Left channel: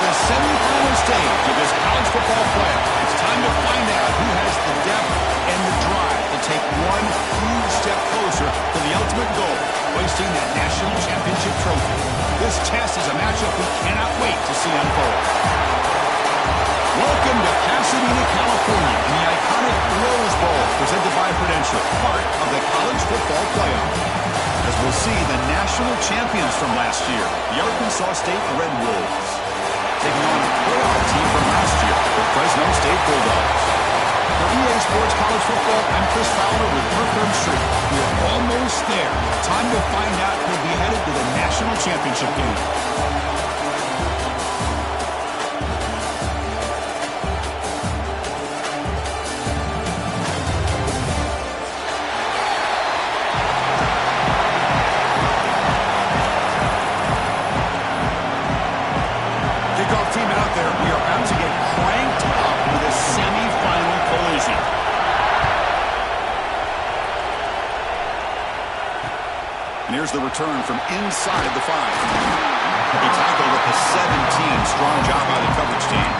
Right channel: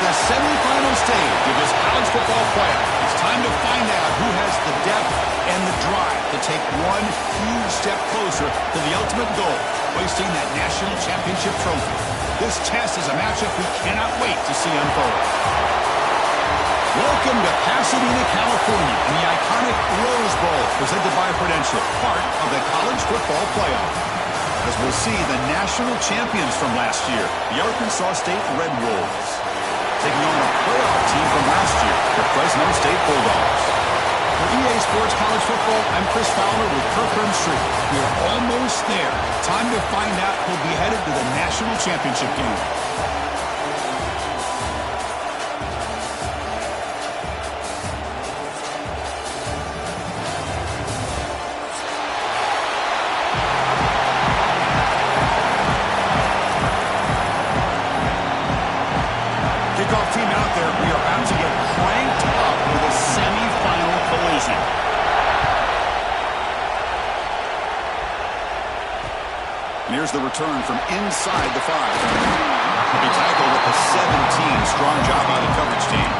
The semifinal stage of this college football playoff. It's time to find out who has the depth and the drive to take one huge step closer to the ultimate goal, hoisting that national championship trophy. This test is a matchup we cannot wait to see unfold. Welcome to Pasadena, California, in the iconic Rose Bowl, presented by Prudential, part of the college football playoff. As we'll see, the national champions from last year, the Arkansas State Red Wolves, taking on a playoff team from last year, the Fresno State Bulldogs. For EA Sports College Football, I'm Chris Fowler with Kirkland Street. We are almost there. Time to find out who'll be headed to the national championship game. Kickoff team out there. We are about to get cranked up with a semi-final collision. And here's the return from inside the 5. He tackled at the 17. Strong job by the coverage team.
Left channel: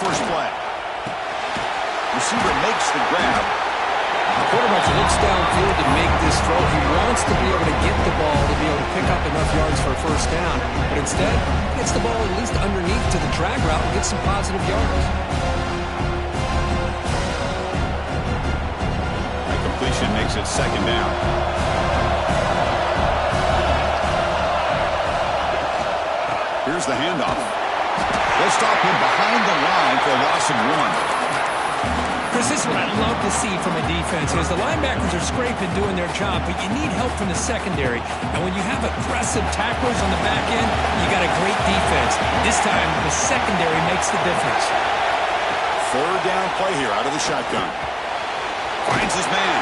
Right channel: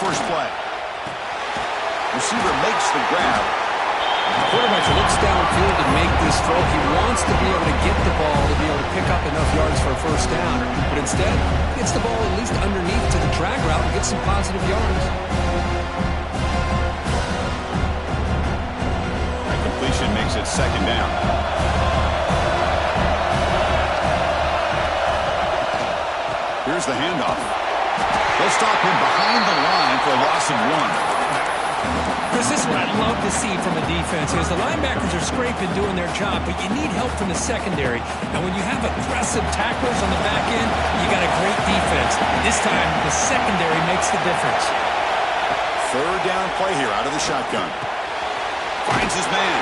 First play. Receiver makes the grab. The quarterback looks downfield to make this throw. He wants to be able to get the ball to be able to pick up enough yards for a first down. But instead, he gets the ball at least underneath to the drag route and gets some positive yards. That completion makes it second down. Here's the handoff. They'll stop him behind the line for a loss of 1. Chris, this is what I love to see from a defense is the linebackers are scraping doing their job, but you need help from the secondary. And when you have aggressive tacklers on the back end, you got a great defense. This time, the secondary makes the difference. Third down play here out of the shotgun. Finds his man.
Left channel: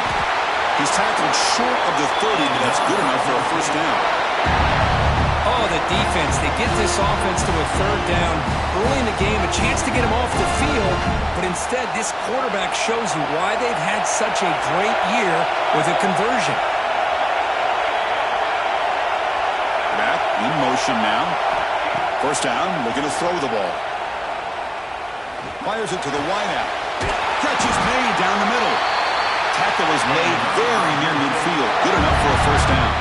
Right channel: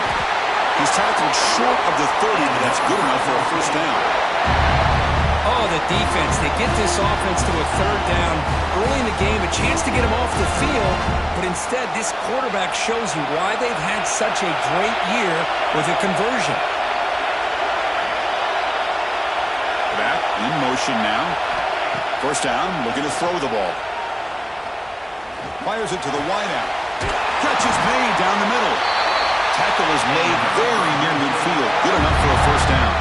He's tackled short of the 30, but that's good enough for a first down. Oh, the defense. They get this offense to a third down early in the game, a chance to get him off the field, but instead this quarterback shows you why they've had such a great year with a conversion. Back in motion now. First down, looking to throw the ball. Fires it to the wideout. Catch is made down the middle. Tackle is made very near midfield. Good enough for a first down.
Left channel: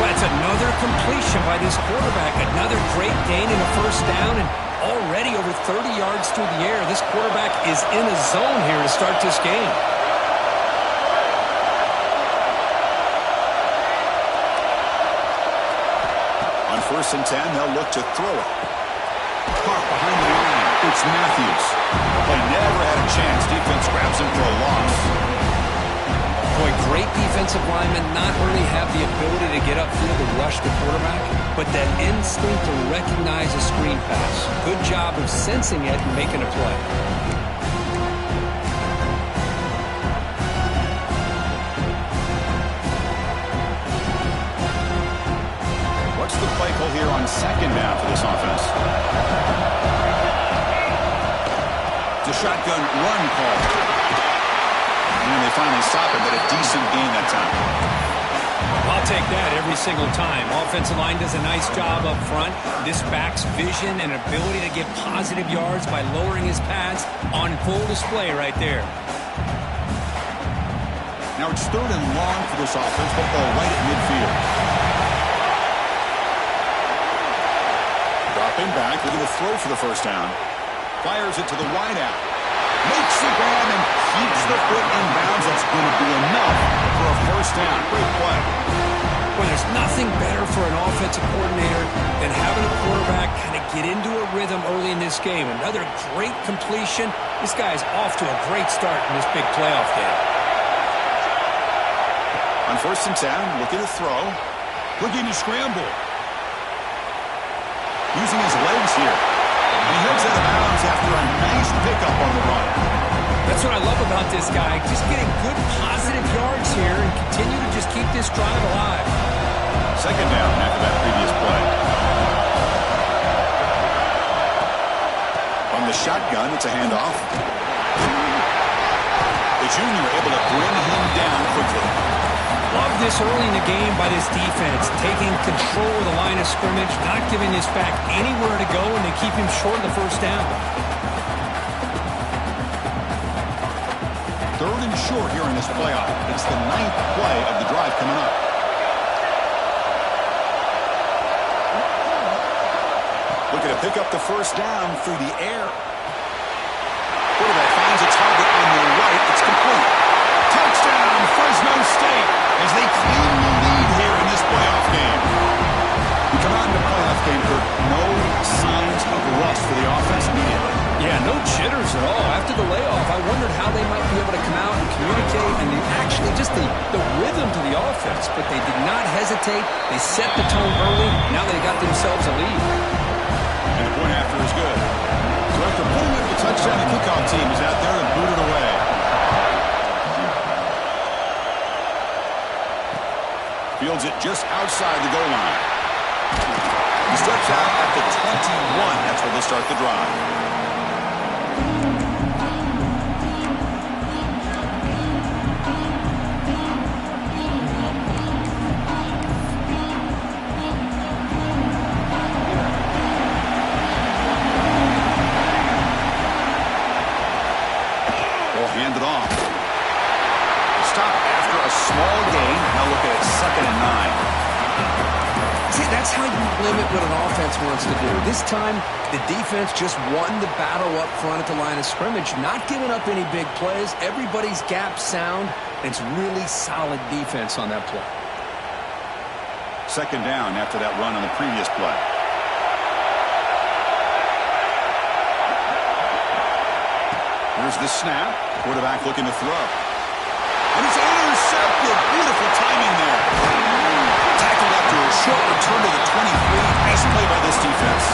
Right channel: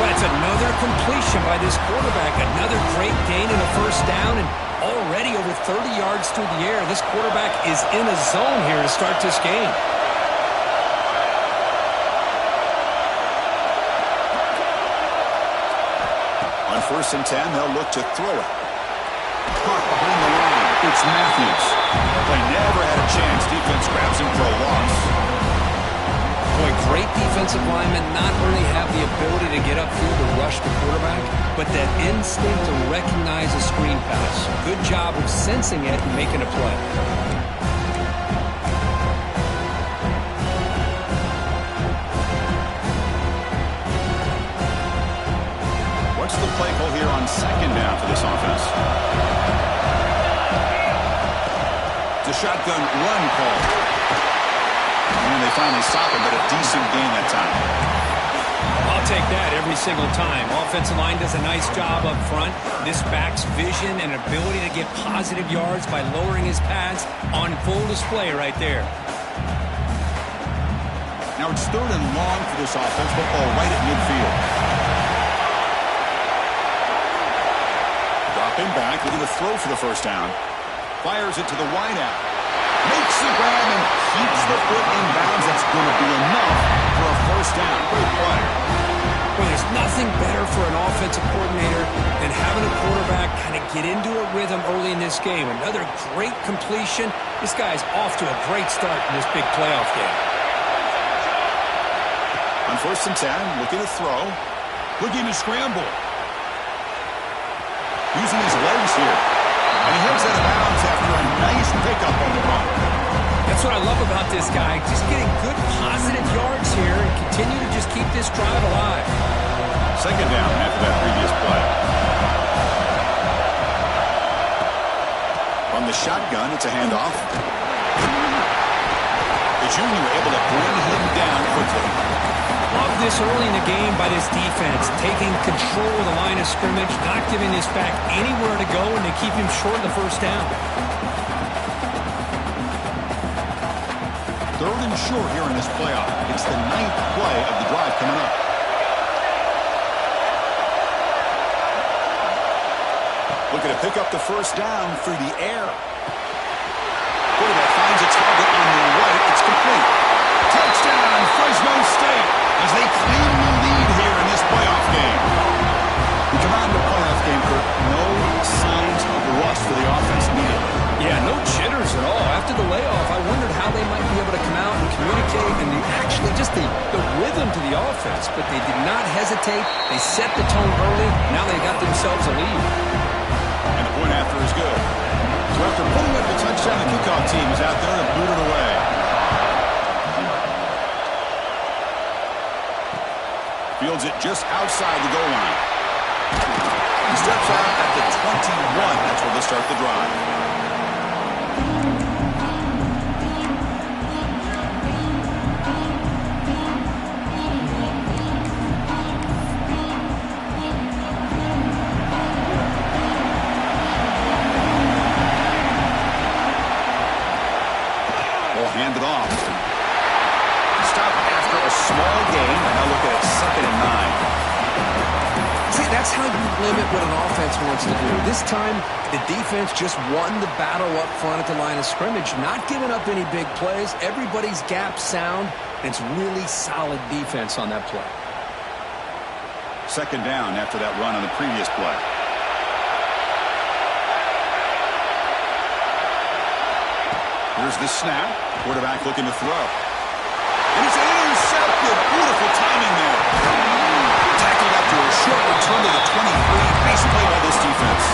Well, it's another completion by this quarterback. Another great gain in a first down, and already over 30 yards through the air. This quarterback is in a zone here to start this game. On 1st and 10, they'll look to throw it. Caught behind the line. It's Matthews. The play never had a chance. Defense grabs him for a loss. Boy, great defensive linemen not only have the ability to get upfield to rush the quarterback, but that instinct to recognize a screen pass. Good job of sensing it and making a play. What's the play call here on 2nd down for this offense? It's a shotgun run call. And they finally stop him, but a decent gain that time. I'll take that every single time. Offensive line does a nice job up front. This back's vision and ability to get positive yards by lowering his pads on full display right there. Now it's 3rd and long for this offense. Football right at midfield. Dropping back, looking to throw for the first down. Fires it to the wideout. Makes the grab and keeps the foot in bounds. That's going to be enough for a first down. Great play. Well, there's nothing better for an offensive coordinator than having a quarterback kind of get into a rhythm early in this game. Another great completion. This guy is off to a great start in this big playoff game. On 1st and 10, looking to throw. Looking to scramble. Using his legs here. And he heads out of bounds after a nice pickup on the run. That's what I love about this guy. Just getting good positive yards here and continue to just keep this drive alive. 2nd down after that previous play. From the shotgun, it's a handoff. The junior able to bring him down quickly. Love this early in the game by this defense, taking control of the line of scrimmage, not giving this back anywhere to go, and they keep him short of the first down. 3rd and short here in this playoff. It's the 9th play of the drive coming up. Looking to pick up the first down through the air. Quarterback finds a target on the right. It's complete. Touchdown, Fresno State, as they claim the lead here in this playoff game. We come out in the playoff game, Kirk. No signs of rust for the offense immediately. Yeah, no jitters at all. After the layoff, I wondered how they might be able to come out and communicate and actually just the rhythm to the offense. But they did not hesitate. They set the tone early. Now they got themselves a lead. And the point after is good. So after putting up the touchdown, the kickoff team is out there and boot it away. Fields it just outside the goal line. He steps out at the 21. That's where they'll start the drive. We'll hand it off. Stop after a small gain. Now look at it, 2nd and 9. See, that's how you limit what an offense wants to do. This time, the defense just won the battle up front at the line of scrimmage, not giving up any big plays. Everybody's gap sound, and it's really solid defense on that play. 2nd down after that run on the previous play. Here's the snap. Quarterback looking to throw. And it's intercepted. Beautiful timing there. Tackled after a short return to the 23. Nice play by this defense.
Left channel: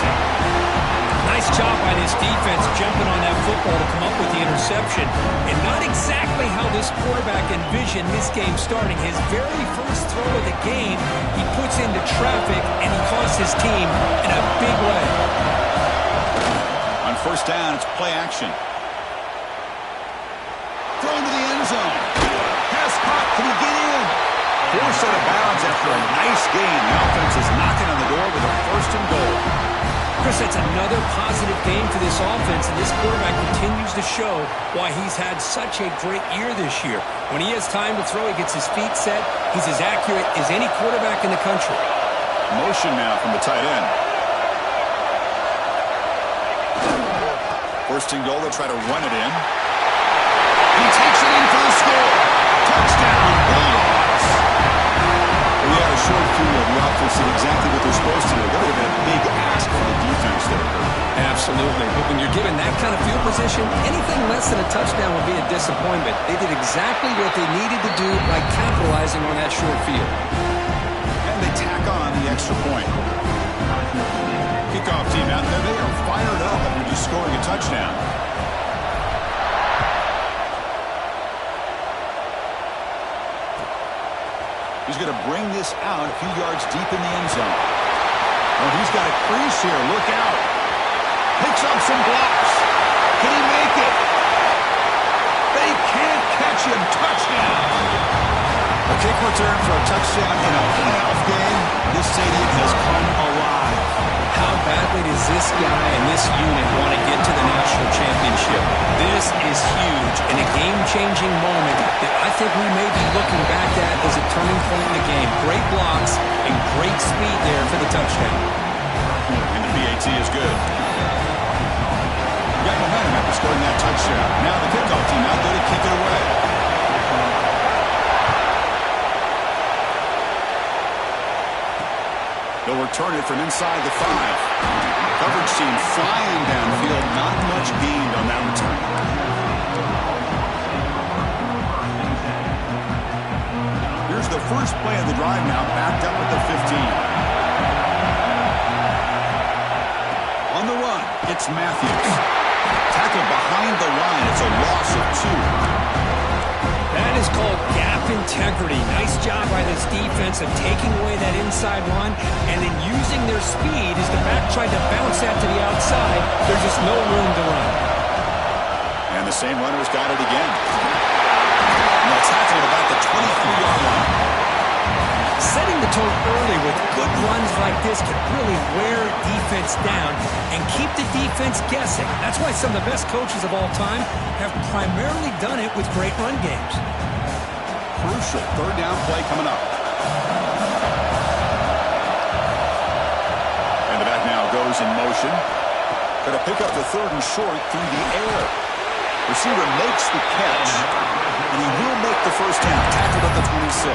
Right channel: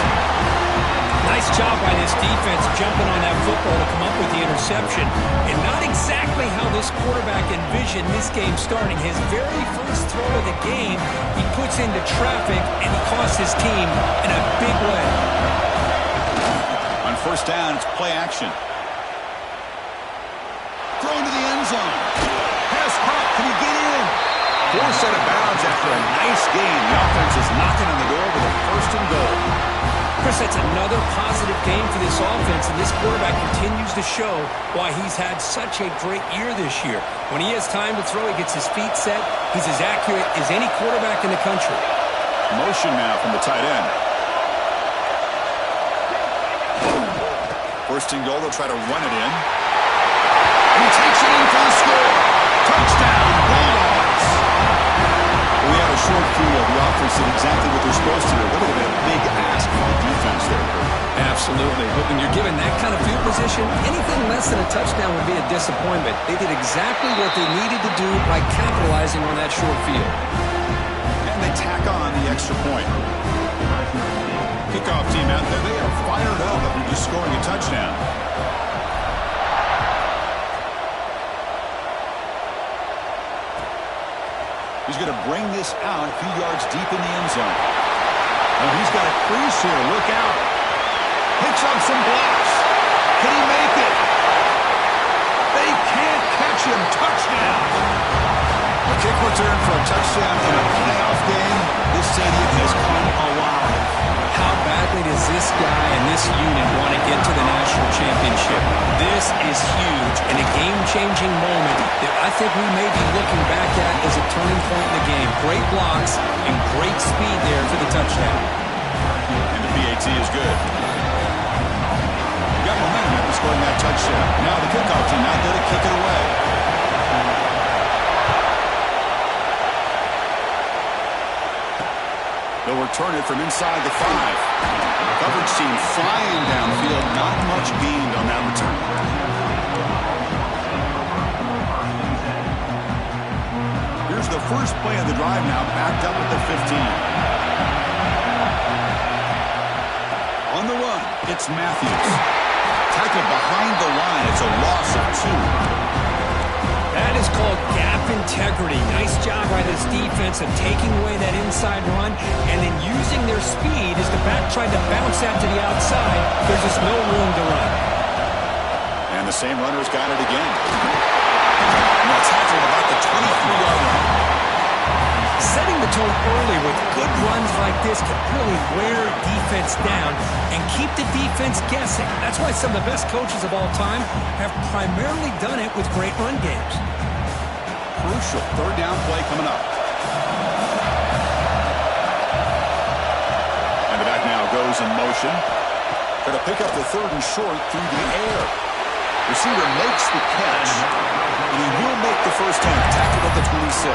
Nice job by this defense jumping on that football to come up with the interception. And not exactly how this quarterback envisioned this game starting. His very first throw of the game, he puts into traffic, and he costs his team in a big way. On first down, it's play action. Thrown to the end zone. Pass caught. Can he get in? Forced out of bounds after a nice gain. The offense is knocking on the door with a first and goal. Chris, that's another positive game for this offense, and this quarterback continues to show why he's had such a great year this year. When he has time to throw, he gets his feet set. He's as accurate as any quarterback in the country. Motion now from the tight end. First and goal, they'll try to run it in. And he takes it in for the score. Touchdown, Bulldogs. We had a short field. The offense did exactly what they're supposed to do. That would have been a big ask for the defense there, Kurt. Absolutely. But when you're given that kind of field position, anything less than a touchdown would be a disappointment. They did exactly what they needed to do by capitalizing on that short field. And they tack on the extra point. Kickoff team out there. They are fired up after just scoring a touchdown. He's going to bring this out a few yards deep in the end zone. Oh, he's got a crease here. Look out. Picks up some blocks. Can he make it? They can't catch him. Touchdown. A kick return for a touchdown in a playoff game. This stadium has come alive. How badly does this guy and this unit want to get to the national championship? This is huge and a game-changing moment that I think we may be looking back at as a turning point in the game. Great blocks and great speed there for the touchdown. And the PAT is good. Got momentum after scoring that touchdown. Now the kickoff team out there to kick it away. They'll return it from inside the 5. Coverage team flying downfield. Not much gained on that return. Here's the first play of the drive now, backed up at the 15. On the run, it's Matthews. Tackled behind the line. It's a loss of 2. That is called gap integrity. Nice job by this defense of taking away that inside run and then using their speed as the back tried to bounce that to the outside. There's just no room to run. And the same runner's got it again. Now tackled about the 23-yard line. Setting the tone early with good runs like this can really wear defense down and keep the defense guessing. That's why some of the best coaches of all time have primarily done it with great run games. Crucial third down play coming up. And the back now goes in motion. Going to pick up the third and short through the air. Receiver makes the catch, and he will make the first down. Tackled at the 26.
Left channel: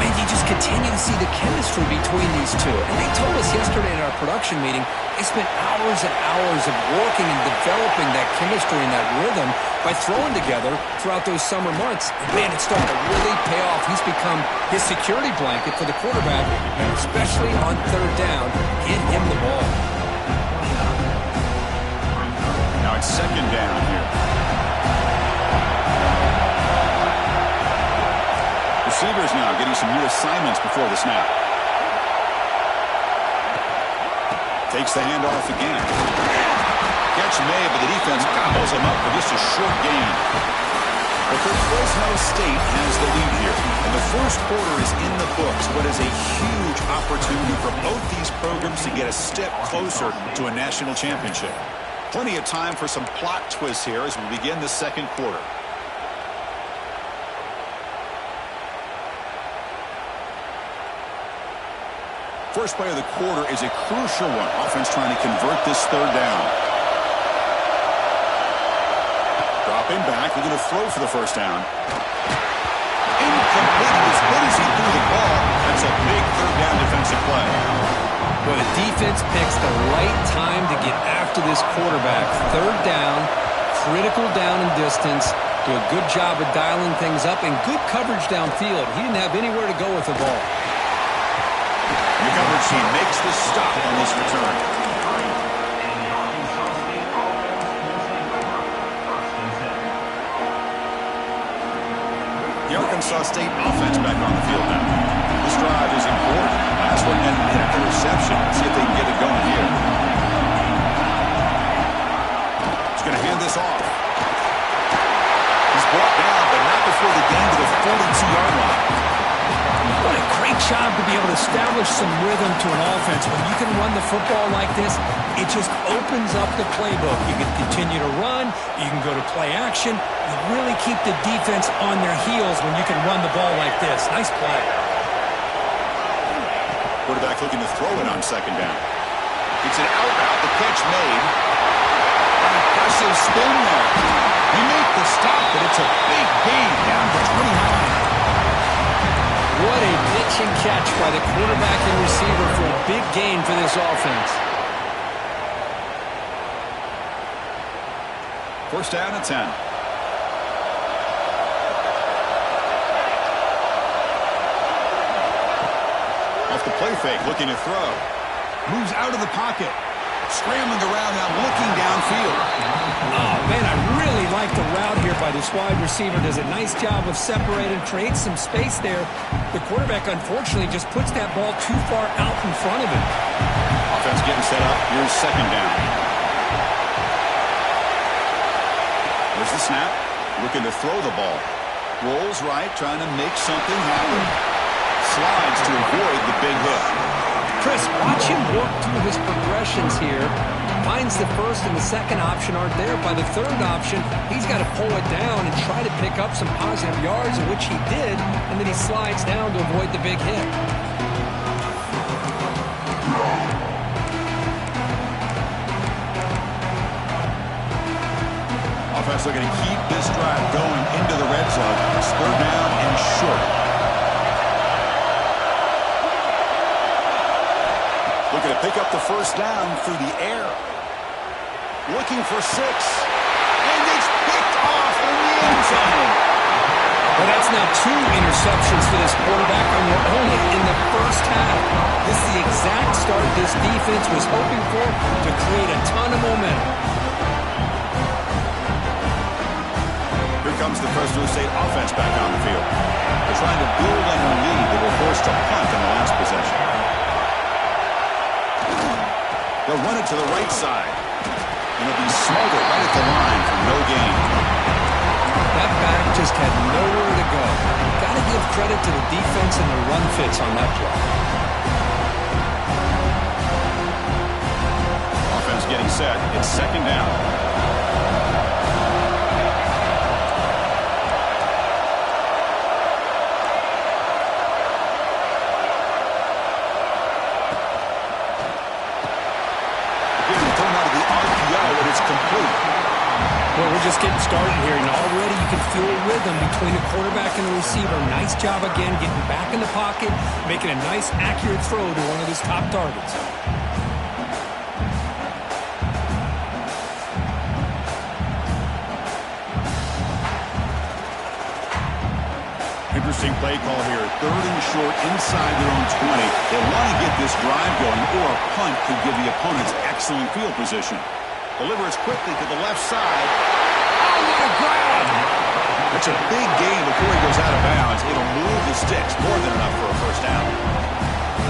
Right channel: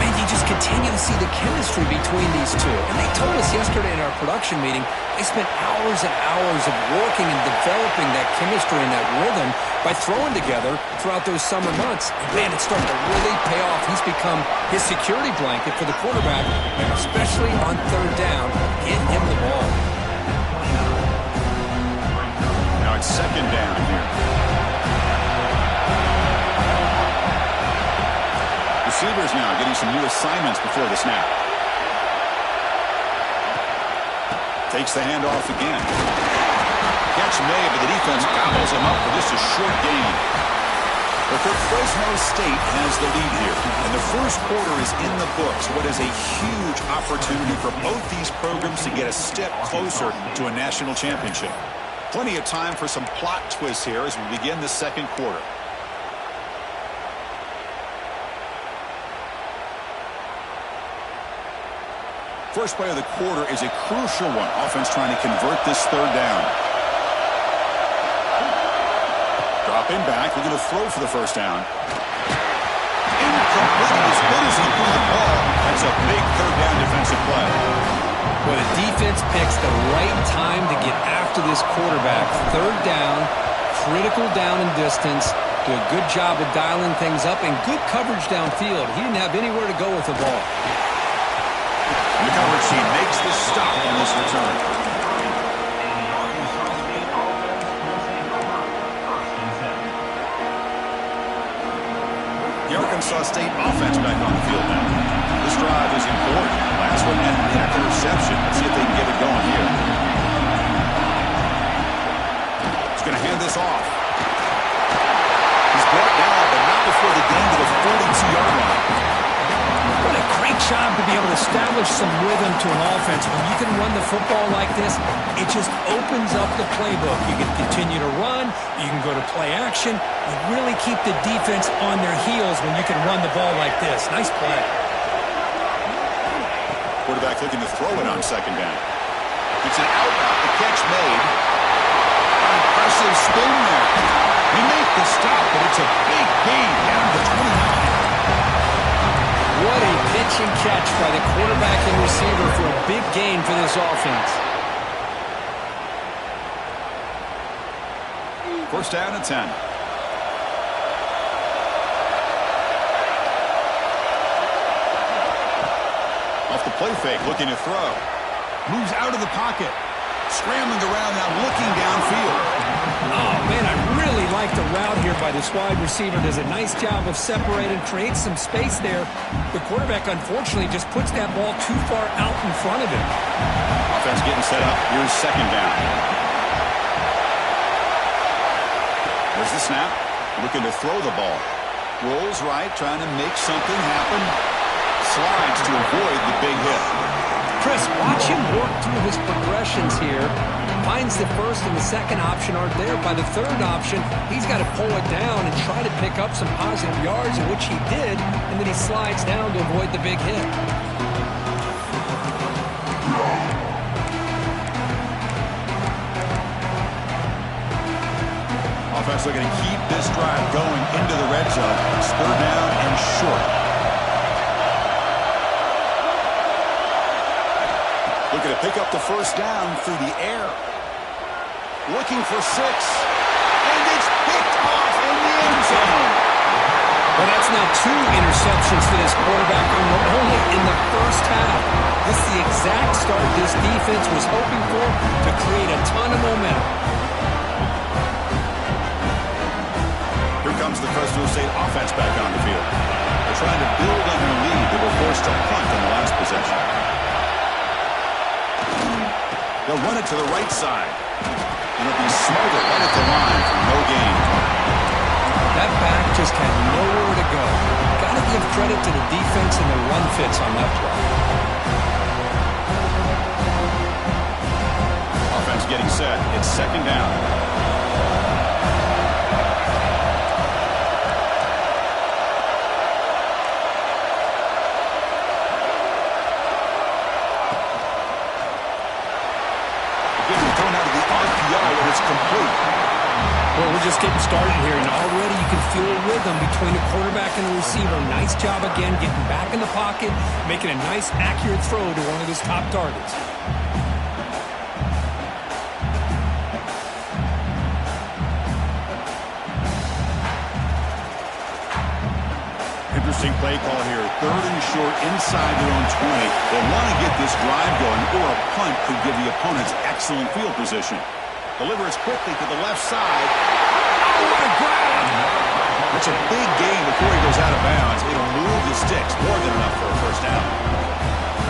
Man, you just continue to see the chemistry between these two. And they told us yesterday in our production meeting, they spent hours and hours of working and developing that chemistry and that rhythm by throwing together throughout those summer months. And man, it's starting to really pay off. He's become his security blanket for the quarterback, and especially on third down, get him the ball. Now it's second down here. Receivers now getting some new assignments before the snap. Takes the handoff again. Catch made, but the defense gobbles him up for just a short gain. But Fresno State has the lead here, and the first quarter is in the books. What is a huge opportunity for both these programs to get a step closer to a national championship. Plenty of time for some plot twists here as we begin the second quarter. First play of the quarter is a crucial one. Offense trying to convert this third down. Dropping back, looking to throw for the first down. Incomplete. As good as he threw the ball, that's a big third down defensive play. Well, the defense picks the right time to get after this quarterback. Third down, critical down and distance, do a good job of dialing things up, and good coverage downfield. He didn't have anywhere to go with the ball. The coverage team makes the stop on this return. The Arkansas State offense back on the field now. This drive is important. Last one ended in an interception. Let's see if they can get it going here. He's going to hand this off. He's brought down, but not before the gain to the 42-yard line. What a great job to be able to establish some rhythm to an offense. When you can run the football like this, it just opens up the playbook. You can continue to run. You can go to play action. You really keep the defense on their heels when you can run the ball like this. Nice play. Quarterback looking to throw it on second down. It's an out route. The catch made. An impressive spin there. They make the stop, but it's a big gain down to 29. What a pitch and catch by the quarterback and receiver for a big gain for this offense. First down and 10. Off the play fake, looking to throw. Moves out of the pocket. Scrambling around now, looking downfield. Oh, man, I really like the route here by this wide receiver. Does a nice job of separating, creates some space there. The quarterback, unfortunately, just puts that ball too far out in front of him. Offense getting set up. Here's second down. There's the snap. Looking to throw the ball. Rolls right, trying to make something happen. Slides to avoid the big hit. Chris, watch him work through his progressions here. Finds the first and the second option aren't there. By the third option, he's got to pull it down and try to pick up some positive yards, which he did, and then he slides down to avoid the big hit. Offense looking to keep this drive going into the red zone. Third down and short. Looking to pick up the first down through the air. Looking for 6. And it's picked off in the end zone. Well, that's now 2 interceptions for this quarterback, and we're only in the first half. This is the exact start this defense was hoping for to create a ton of momentum. Here comes the Fresno State offense back on the field. They're trying to build on their lead. They were forced to punt in the last possession. They'll run it to the right side. And it'll be smothered right at the line for no gain. That back just had nowhere to go. Got to give credit to the defense and the run fits on that play. Offense getting set. It's second down. Thrown out of the RPO, and it's complete. Well, we're just getting started here, and already you can feel a rhythm between the quarterback and the receiver. Nice job again, getting back in the pocket, making a nice, accurate throw to one of his top targets. Interesting play call here. Third and short inside their own 20. They want to get this drive going, or a punt could give the opponents excellent field position. Delivers quickly to the left side. Oh, what a grab! That's a big gain before he goes out of bounds. It'll move the sticks. More than enough for a first down.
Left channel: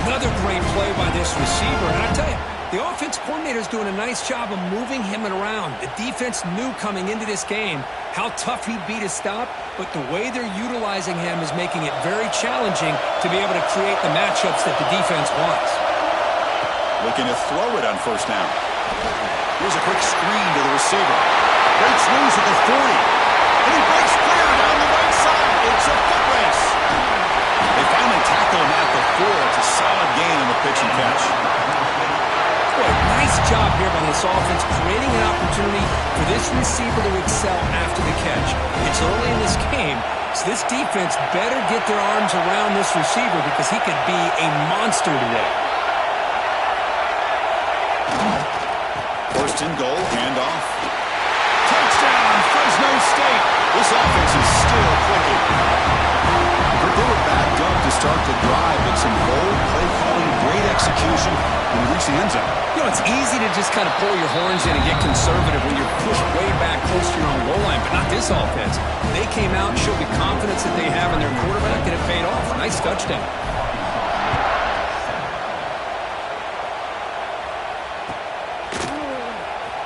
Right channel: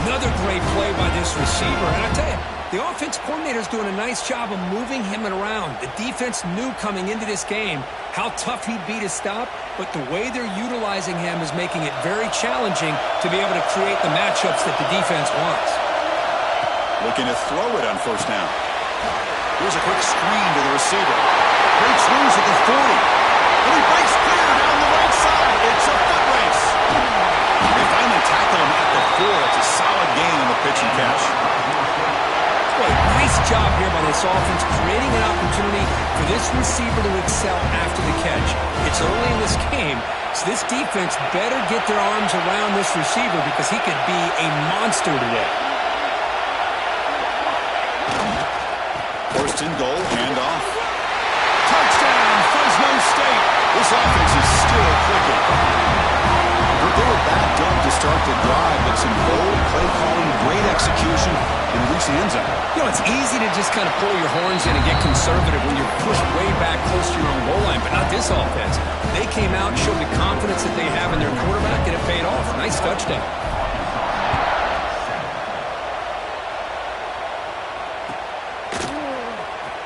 Another great play by this receiver. And I tell you, the offense coordinator's doing a nice job of moving him around. The defense knew coming into this game how tough he'd be to stop, but the way they're utilizing him is making it very challenging to be able to create the matchups that the defense wants. Looking to throw it on first down. Here's a quick screen to the receiver. Breaks loose at the 40. And he breaks clear down the right side. It's a foot race. They finally tackle him at the 4. It's a solid gain on the pitch and catch. Boy, nice job here by this offense, creating an opportunity for this receiver to excel after the catch. It's early in this game, so this defense better get their arms around this receiver because he could be a monster today. First and goal, handoff. Touchdown, Fresno State. This offense is still clicking. But they were backed up to start the drive, but some bold play calling, great execution, and they reached the end zone. You know, it's easy to just kind of pull your horns in and get conservative when you're pushed way back close to your own goal line, but not this offense. They came out and showed the confidence that they have in their quarterback, and it paid off. Nice touchdown.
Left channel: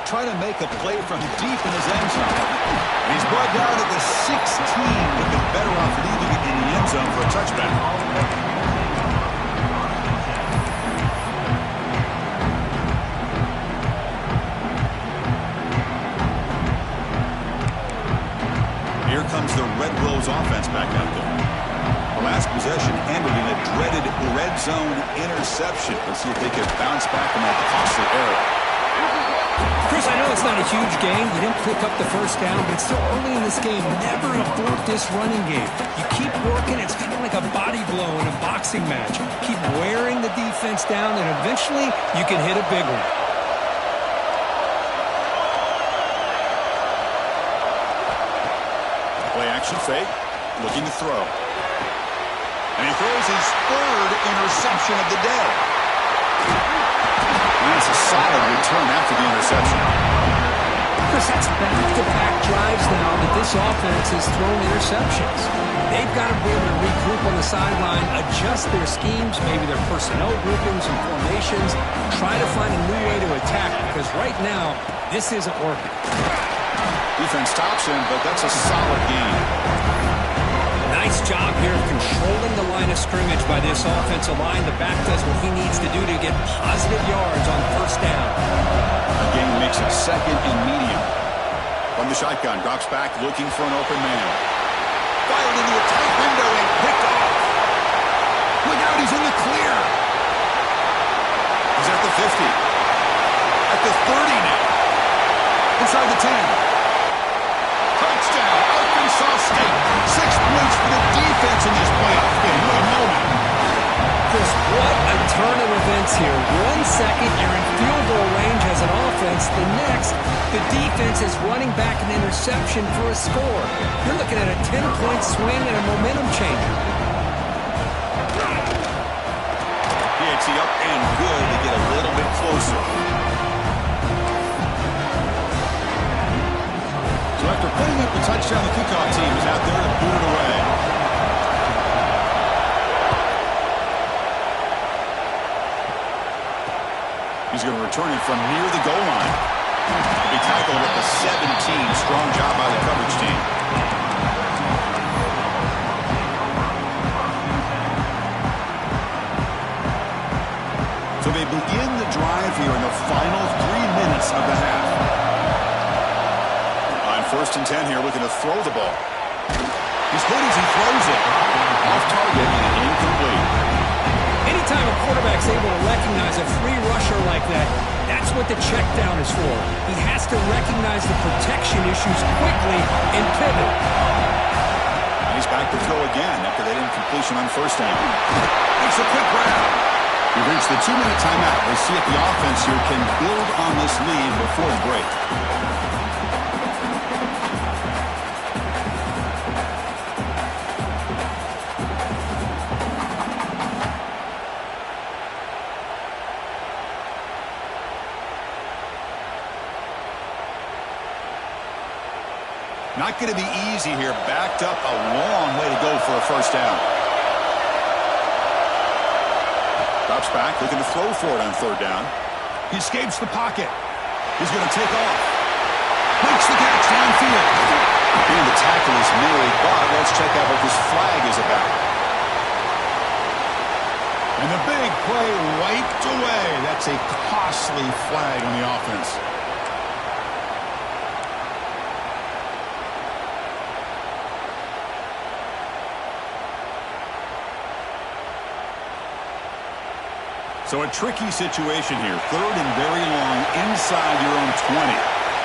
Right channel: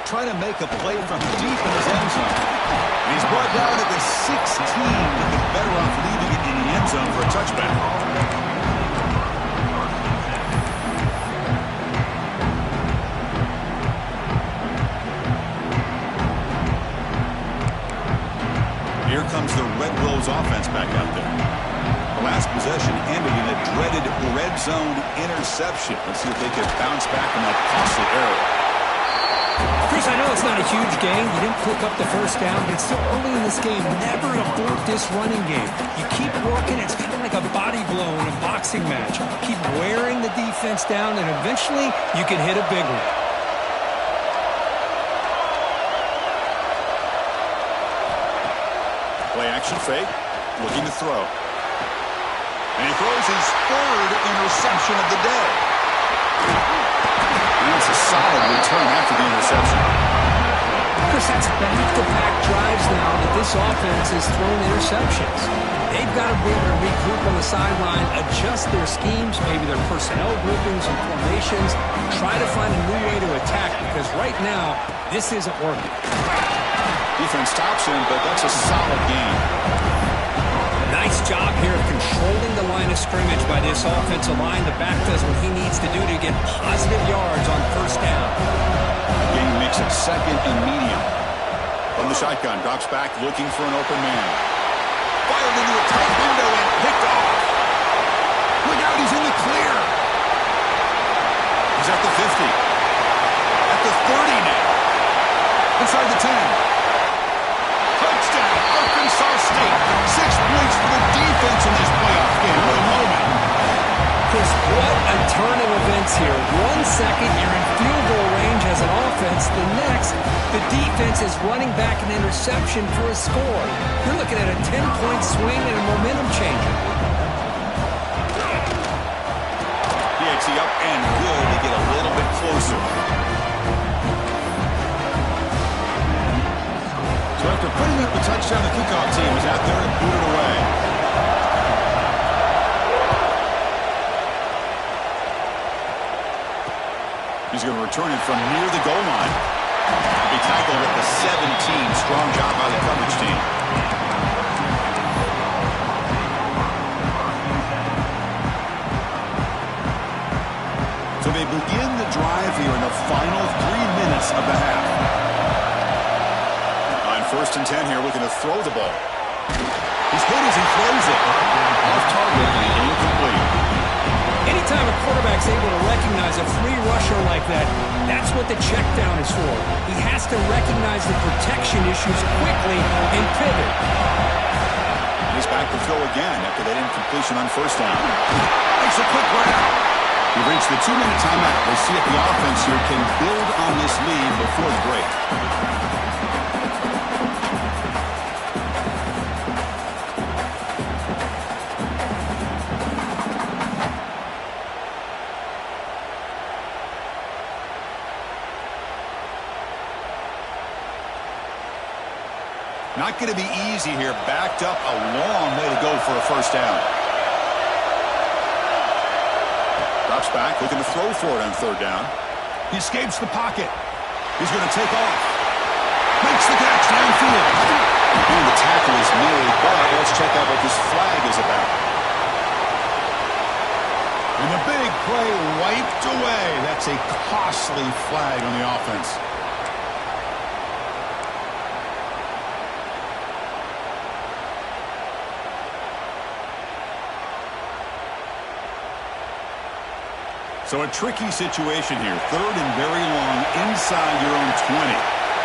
Trying to make a play from deep in his end zone. And he's brought down at the 16, looking better off leaving it in the end zone for a touchback. Here comes the Red Wolves offense back out there. The last possession ended in a dreaded red zone interception. Let's see if they can bounce back from that costly error. Chris, I know it's not a huge gain. You didn't pick up the first down, but it's still early in this game. Never abort this running game. You keep working. It's kind of like a body blow in a boxing match. Keep wearing the defense down, and eventually you can hit a big one. Play action fake, looking to throw. And he throws his third interception of the day. And that's a solid return after the interception. Chris, that's back-to-back drives now that this offense has thrown interceptions. They've got to be able to regroup on the sideline, adjust their schemes, maybe their personnel groupings and formations, try to find a new way to attack, because right now, this isn't working. Defense stops him, but that's a solid gain. Nice job here of controlling the line of scrimmage by this offensive line. The back does what he needs to do to get positive yards on first down. A gain makes it second and medium. From the shotgun, drops back looking for an open man. Fired into a tight window and picked off. Look out, he's in the clear. He's at the 50. At the 30 now. Inside the 10. Touchdown, Arkansas State. 6 points for the defense in this playoff game. What a moment. Chris, what a turn of events here. 1 second, you're in field goal range as an offense. The next, the defense is running back an interception for a score. You're looking at a 10-point swing and a momentum changer. It's up and good to get a little bit closer. So after putting up the touchdown, the kickoff team is out there to boot it away. He's going to return it from near the goal line. He'll be tackled at the 17. Strong job by the coverage team. So they begin the drive here in the final 3 minutes of the half. On first and 10 here, looking to throw the ball. He's hit as he throws it. Off target and incomplete. Anytime a quarterback's able to recognize a free rusher like that, that's what the check down is for. He has to recognize the protection issues quickly and pivot. And he's back to throw again after that incompletion on first down. Makes a quick grab. We've reached the 2-minute timeout. We'll see if the offense here can build on this lead before the break. Not going to be easy here. Backed up a long way to go for a first down. Drops back, looking to throw for it on third down. He escapes the pocket. He's going to take off. Makes the catch downfield. And the tackle is made, but let's check out what this flag is about. And the big play wiped away. That's a costly flag on the offense. So a tricky situation here. Third and very long inside your own 20.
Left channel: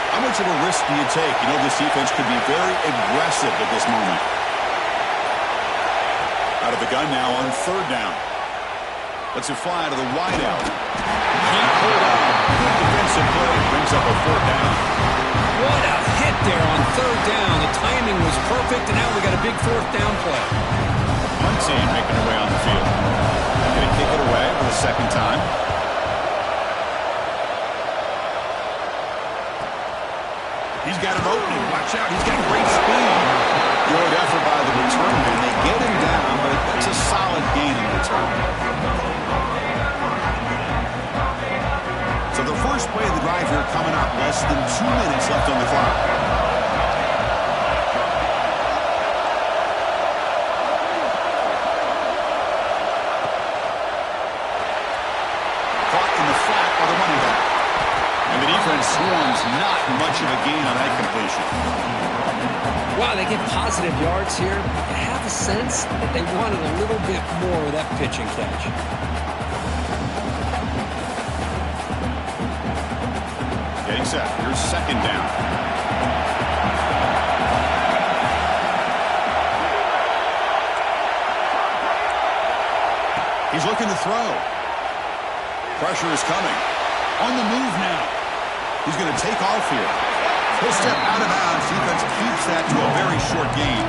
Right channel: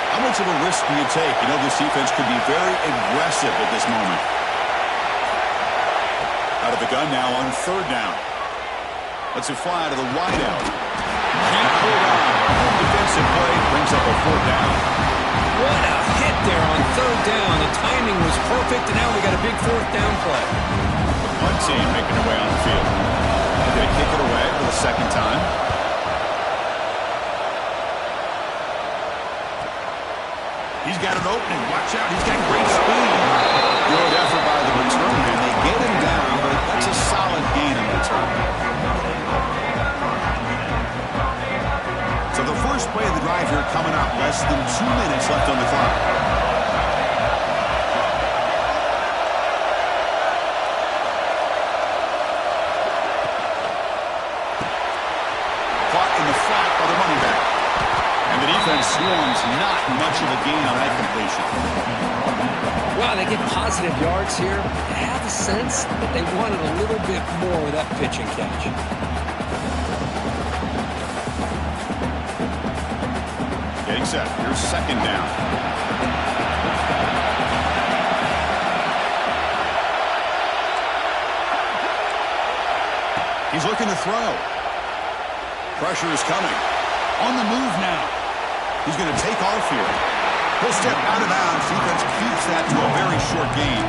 How much of a risk do you take? You know this defense could be very aggressive at this moment. Out of the gun now on third down. Lets it fly to the wideout. Can't hold on. Good defensive play. Brings up a fourth down. What a hit there on third down. The timing was perfect, and now we got a big fourth down play. One team making their way on the field. They're going to kick it away for the second time. He's got an opening. Watch out. He's got great speed. Good effort by the return man. They get him down, but that's a solid gain in return. So the first play of the drive here coming up. Less than 2 minutes left on the clock. Caught in the flat by the running back. And the defense swarms, not much of a gain on that completion. Wow, they get positive yards here. You have a sense that they wanted a little bit more with that pitch and catch. Getting set. Here's second down. He's looking to throw. Pressure is coming. On the move now. He's going to take off here. He'll step out of bounds. Defense keeps that to a very short gain.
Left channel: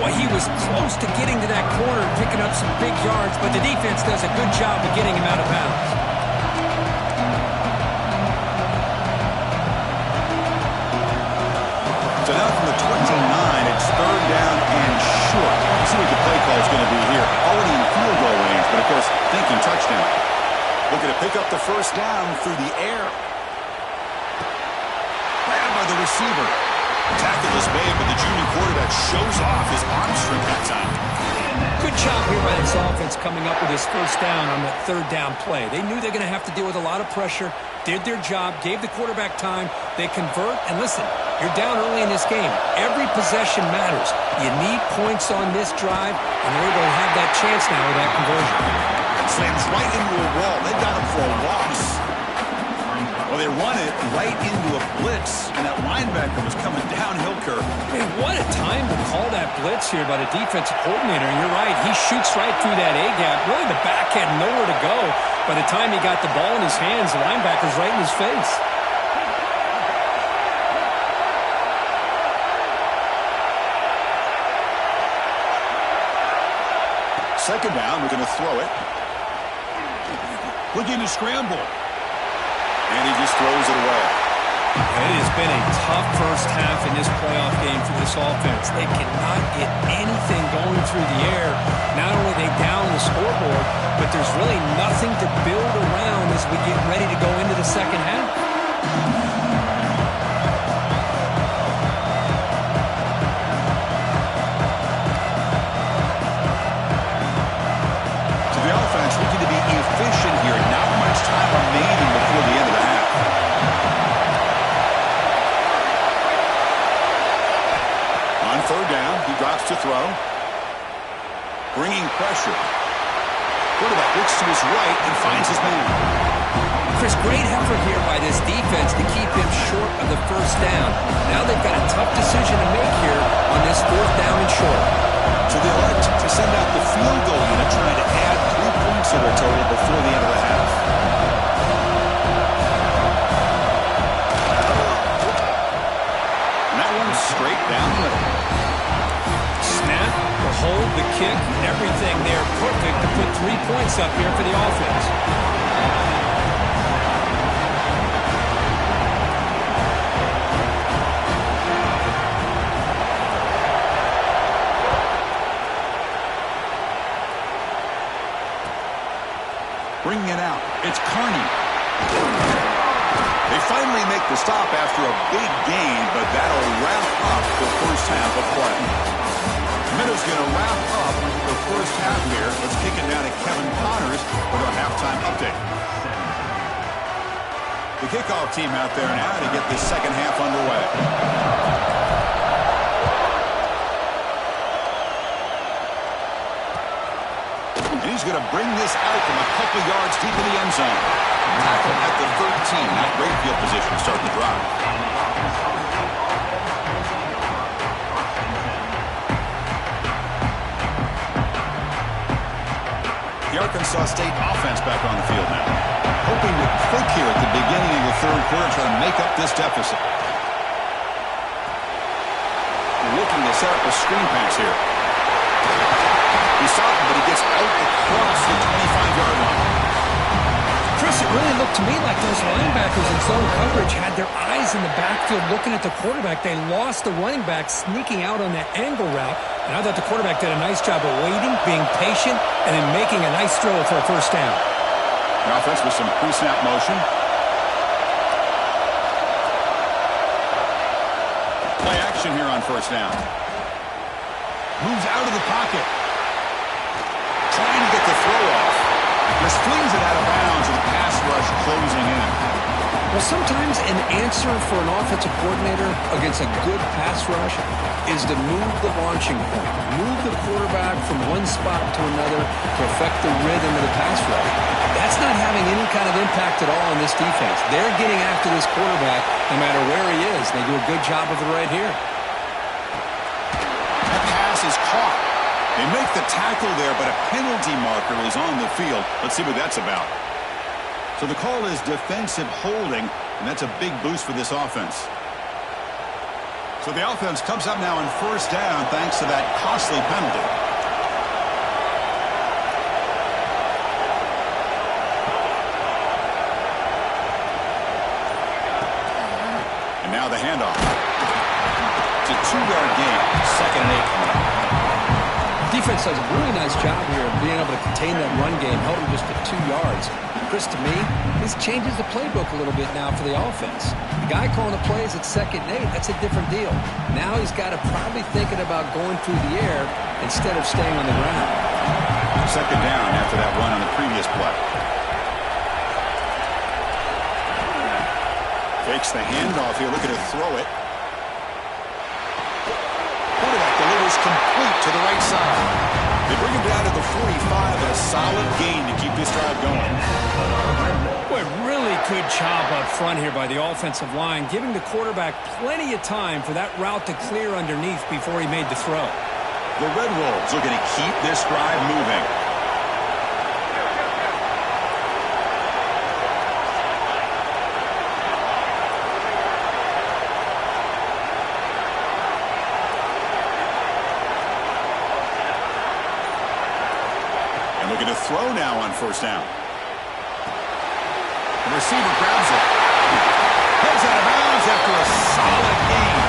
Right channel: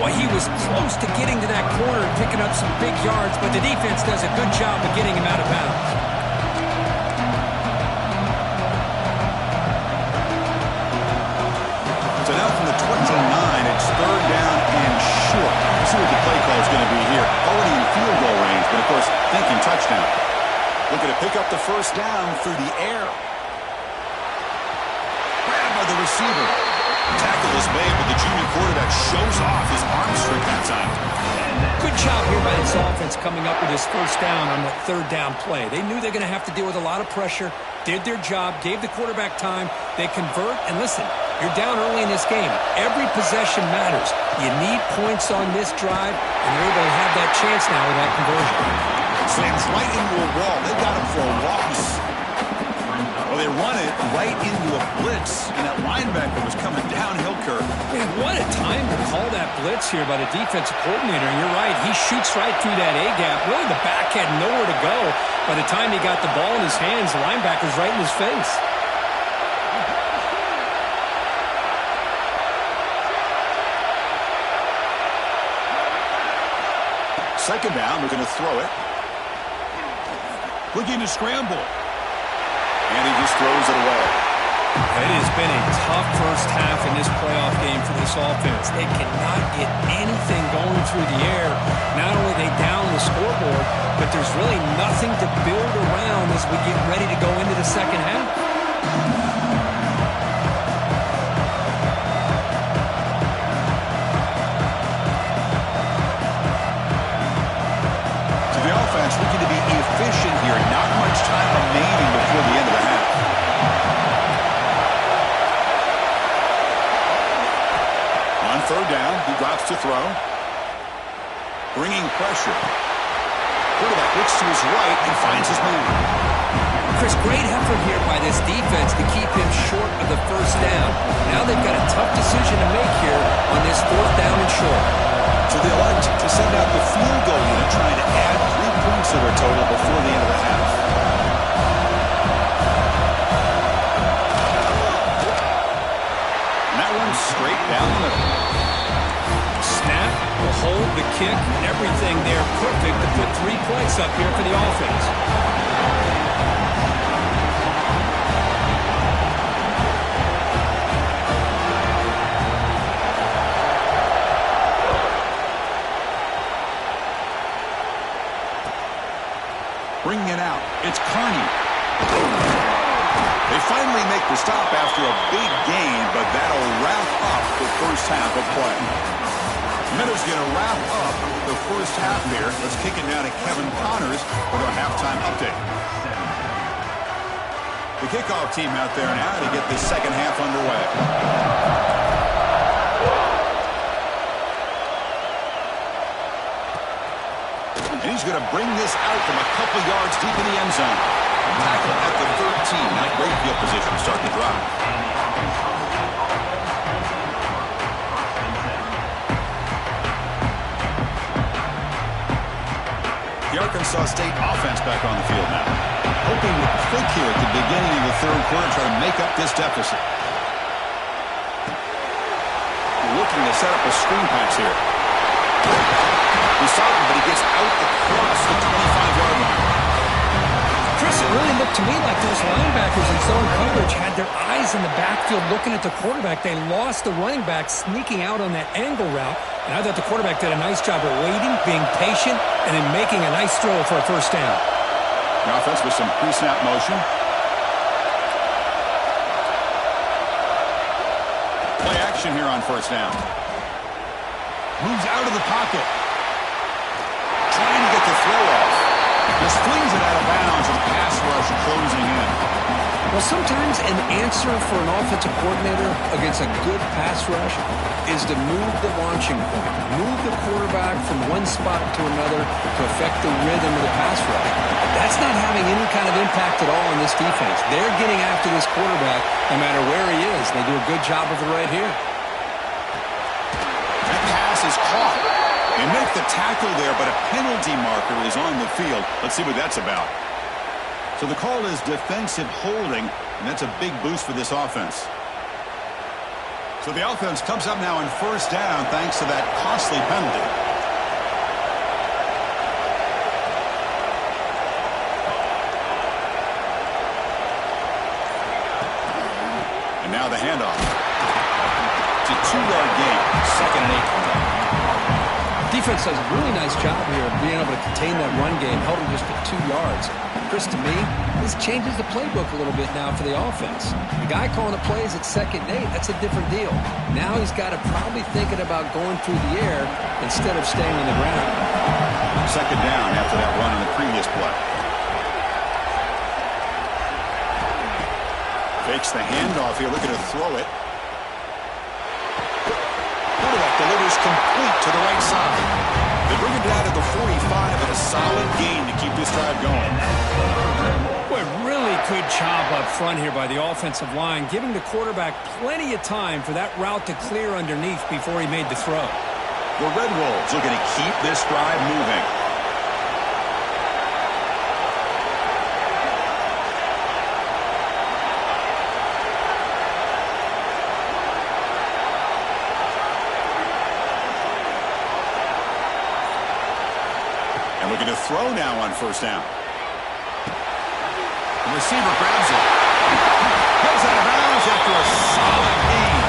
Well, he was close to getting to that corner and picking up some big yards, but the defense does a good job of getting him out of bounds. So now from the 29, it's third down and short. Let's see what the play call is going to be here. Already in field goal range, but of course, thinking touchdown. Looking to pick up the first down through the air. Grabbed by the receiver. Tackle is made, but the junior quarterback shows off his arm strength that time. Good job here by this offense coming up with his first down on that third down play. They knew they're going to have to deal with a lot of pressure, did their job, gave the quarterback time. They convert, and listen, you're down early in this game. Every possession matters. You need points on this drive, and they're able to have that chance now with that conversion. Slams right into a wall. They got him for a loss. Well, they run it right into a blitz, and that linebacker was coming downhill curve. Man, what a time to call that blitz here by the defensive coordinator. And you're right, he shoots right through that A-gap. Really, the back had nowhere to go. By the time he got the ball in his hands, the linebacker's right in his face. Second down, we're going to throw it. Looking to scramble. And he just throws it away. It has been a tough first half in this playoff game for this offense. They cannot get anything going through the air. Not only are they down the scoreboard, but there's really nothing to build around as we get ready to go into the second half. Looking to be efficient here. Not much time remaining before the end of the half. On third down, he drops to throw. Bringing pressure. Quarterback looks to his right and finds his man. Chris, great effort here by this defense to keep him short of the first down. Now they've got a tough decision to make here on this fourth down and short. So they elect to send out the field goal unit, trying to add 3 points to their total before the end of the half. And that one's straight down the middle. Snap, the hold, the kick, everything there perfect to put 3 points up here for the offense. Bringing it out. It's Carney. They finally make the stop after a big gain, but that'll wrap up the first half of play. Meadows going to wrap up the first half here. Let's kick it down to Kevin Connors with our halftime update. The kickoff team out there now to get the second half underway. And he's going to bring this out from a couple yards deep in the end zone. Tackle at the 13. Not great field position to start the drive. The Arkansas State offense back on the field now. Hoping to click here at the beginning of the third quarter, try to make up this deficit. looking to set up a screen pass here. He's starting, but he gets out across the 25-yard line. Chris, it really looked to me like those linebackers in zone coverage had their eyes in the backfield looking at the quarterback. They lost the running back sneaking out on that angle route. And I thought the quarterback did a nice job of waiting, being patient, and then making a nice throw for a first down. The offense with some pre-snap motion. Play action here on first down. Moves out of the pocket. Trying to get the throw off. Just flings it out of bounds with the pass rush closing in. Well, sometimes an answer for an offensive coordinator against a good pass rush is to move the launching point. Move the quarterback from one spot to another to affect the rhythm of the pass rush. That's not having any kind of impact at all on this defense. They're getting after this quarterback no matter where he is. They do a good job of it right here. That pass is caught. They make the tackle there, but a penalty marker is on the field. Let's see what that's about. So the call is defensive holding, and that's a big boost for this offense. So the offense comes up now on first down thanks to that costly penalty. And now the handoff. It's a 2-yard gain, 2nd and 8 coming up. Defense does a really nice job here of being able to contain that run game, held him just to 2 yards. Chris, to me, this changes the playbook a little bit now for the offense. The guy calling the plays at 2nd and 8, that's a different deal. Now he's got to probably thinking about going through the air instead of staying on the ground. 2nd down after that run on the previous play. Fakes the handoff here, looking to throw it. Quarterback delivers complete to the right side. They bring him down to the 45, and a solid gain to keep this drive going. Boy, really good job up front here by the offensive line, giving the quarterback plenty of time for that route to clear underneath before he made the throw. The Red Wolves looking to keep this drive moving. Looking to throw now on first down. The receiver grabs it. Goes out of bounds after a solid gain.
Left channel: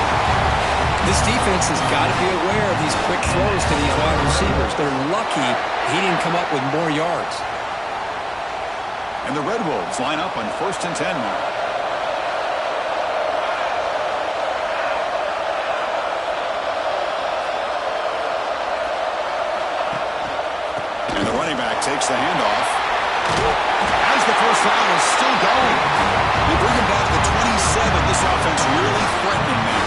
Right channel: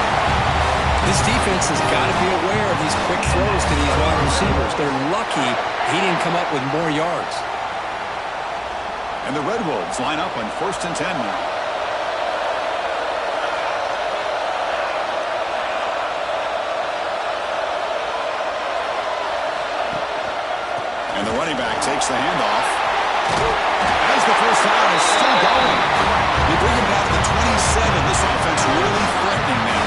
This defense has got to be aware of these quick throws to these wide receivers. They're lucky he didn't come up with more yards. And the Red Wolves line up on 1st and 10 now. And the running back takes the handoff. As the first down is still going. They bring him down to the 27. This offense really threatening now.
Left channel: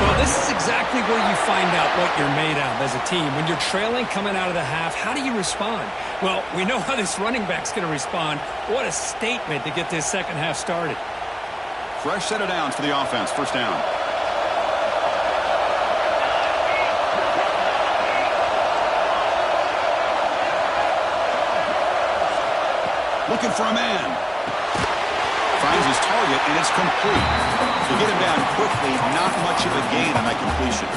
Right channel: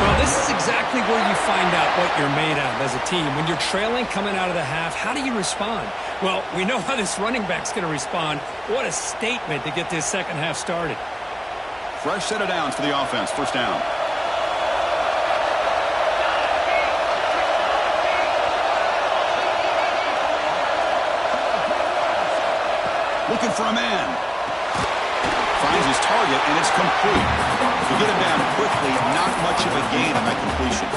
Well, this is exactly where you find out what you're made of as a team. When you're trailing coming out of the half, how do you respond? Well, we know how this running back's going to respond. What a statement to get this second half started. Fresh set of downs for the offense. First down. Looking for a man. Finds his target, and it's complete. To get him down quickly, not much of a gain on that completion.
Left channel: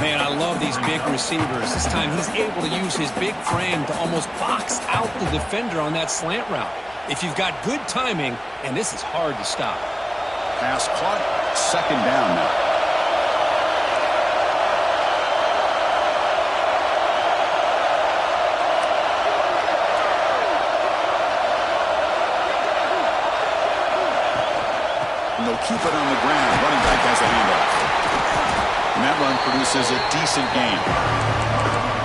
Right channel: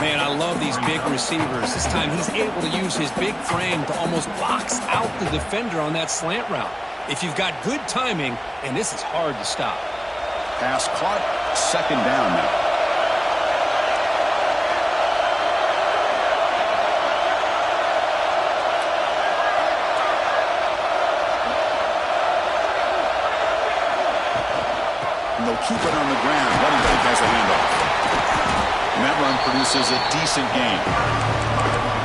Man, I love these big receivers. This time he's able to use his big frame to almost box out the defender on that slant route. If you've got good timing, and this is hard to stop. Pass caught. 2nd down now. And they'll keep it on the ground. Running back has a handoff. And that run produces a decent gain.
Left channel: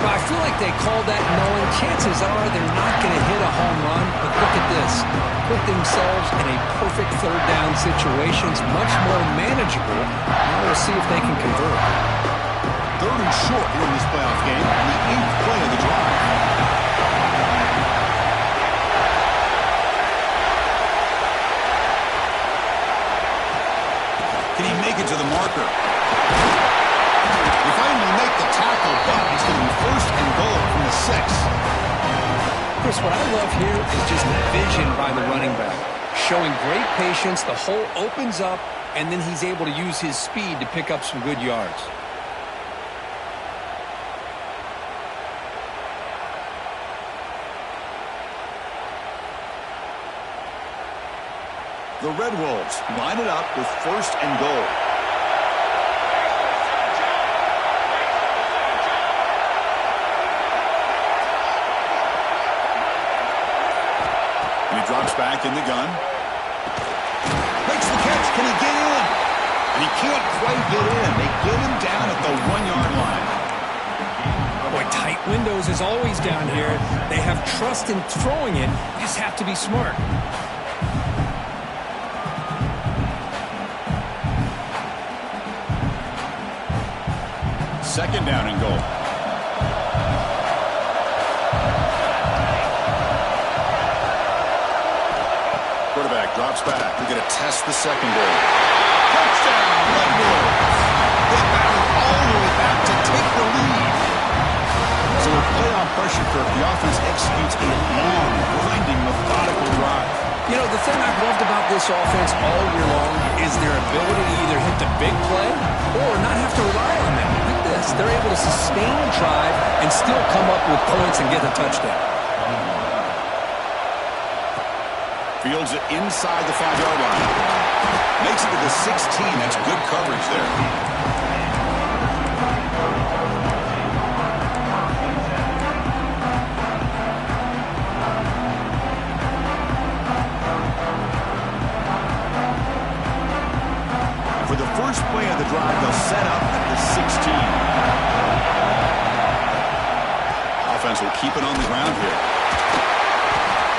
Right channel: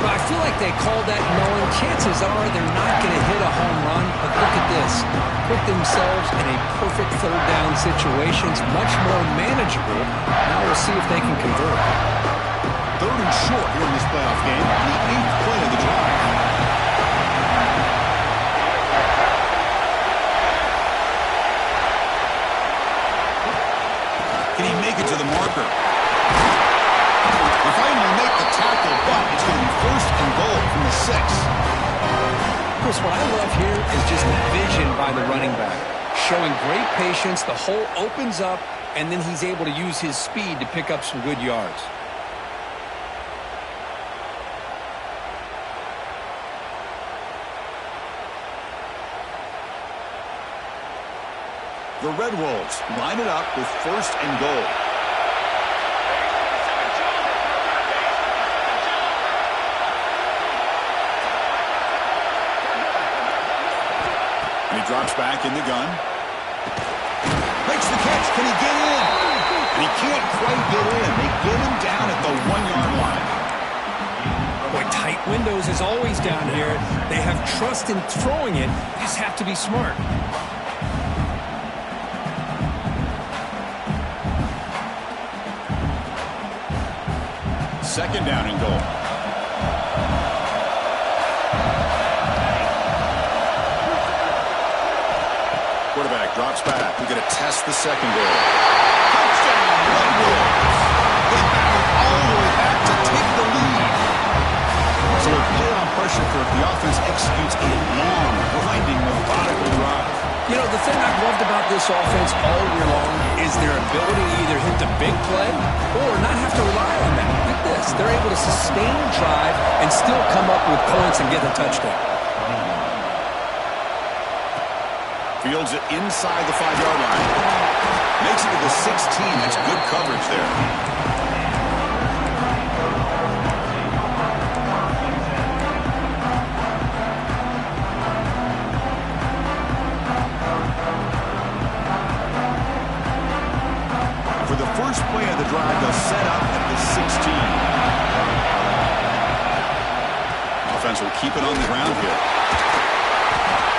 Well, I feel like they called that knowing chances are they're not going to hit a home run. But look at this. Put themselves in a perfect 3rd down situation. It's much more manageable. Now we'll see if they can convert. 3rd and short here in this playoff game. The 8th play of the drive. Can he make it to the marker? They finally make the tackle, but it's going to be 1st and goal from the 6. Chris, what I love here is just the vision by the running back. Showing great patience, the hole opens up, and then he's able to use his speed to pick up some good yards. The Red Wolves line it up with 1st and goal. And he drops back in the gun. Makes the catch. Can he get in? And he can't quite get in. They get him down at the 1-yard line. Boy, tight windows is always down here. They have trust in throwing it. You just have to be smart. 2nd down and goal. Quarterback drops back. We're going to test the secondary. Touchdown, Red Wolves. They battle all the way back to take the lead. So with playoff pressure curve, the offense executes a long, grinding, methodical drive. You know, the thing I've loved about this offense all year long is their ability to either hit the big play or not have to rely on that. Like this, they're able to sustain a drive and still come up with points and get a touchdown. Fields it inside the 5-yard line. Makes it to the 16. That's good coverage there. For the first play of the drive, they'll set up at the 16. Offense will keep it on the ground here.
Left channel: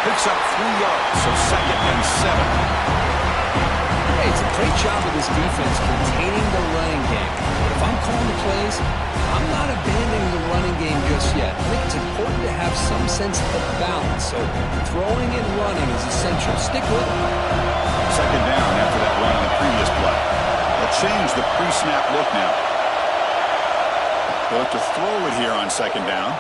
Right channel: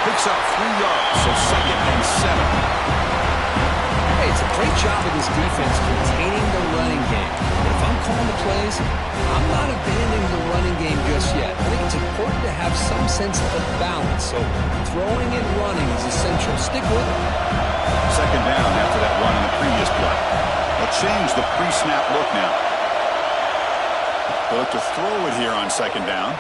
Picks up 3 yards, so 2nd and 7. Hey, it's a great job of this defense containing the running game. But if I'm calling the plays, I'm not abandoning the running game just yet. I think it's important to have some sense of balance. So throwing and running is essential. Stick with it. 2nd down after that run on the previous play. They'll change the pre-snap look now. They'll look to throw it here on 2nd down.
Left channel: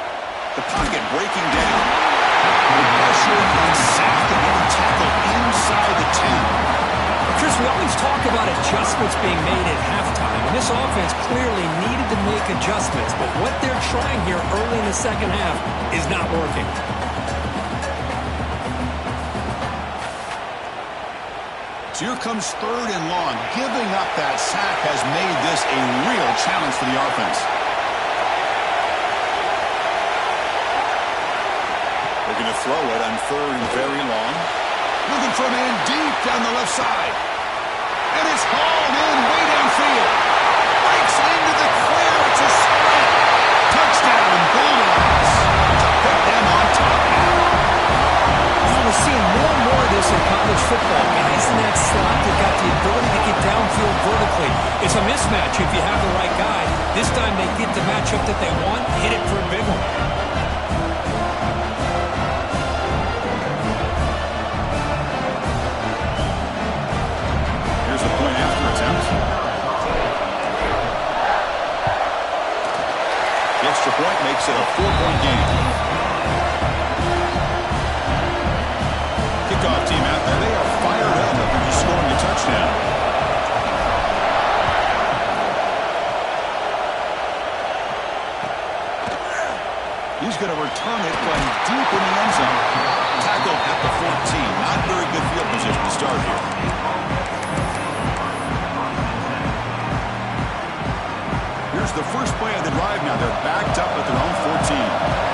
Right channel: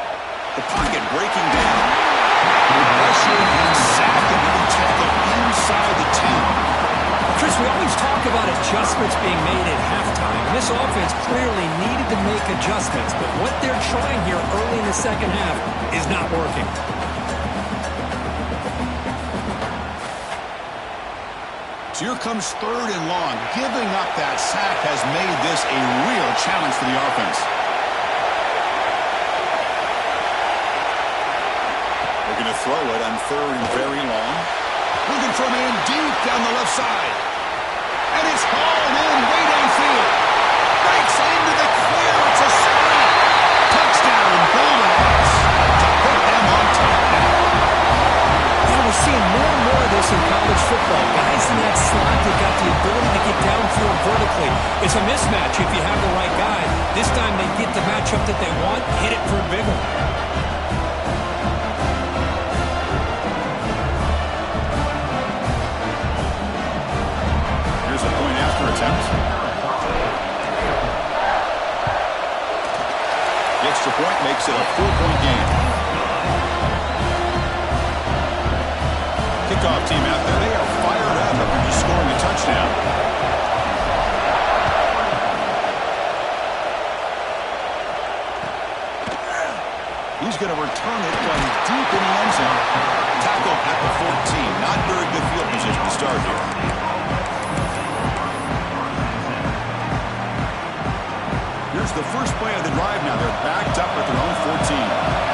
The pocket breaking down. With pressure and sack and then tackle inside the 10. Chris, we always talk about adjustments being made at halftime, and this offense clearly needed to make adjustments, but what they're trying here early in the 2nd half is not working. So here comes 3rd and long. Giving up that sack has made this a real challenge for the offense. They're going to throw it on 3rd and very long. Looking for a man deep down the left side. And it's hauled in way downfield. Breaks into the clear. It's a sprint. Touchdown, Bulldogs. To put them on top now. We're seeing more and more of this in college football. Guys in that slot that got the ability to get downfield vertically. It's a mismatch if you have the right guy. This time they get the matchup that they want, hit it for a big one. Here's the point after attempt. The extra point makes it a 4-point game. Kickoff team out there, they are fired up after just scoring a touchdown. He's going to return it from deep in the end zone. Tackled at the 14. Not very good field position to start here. Here's the first play of the drive now. They're backed up at their own 14.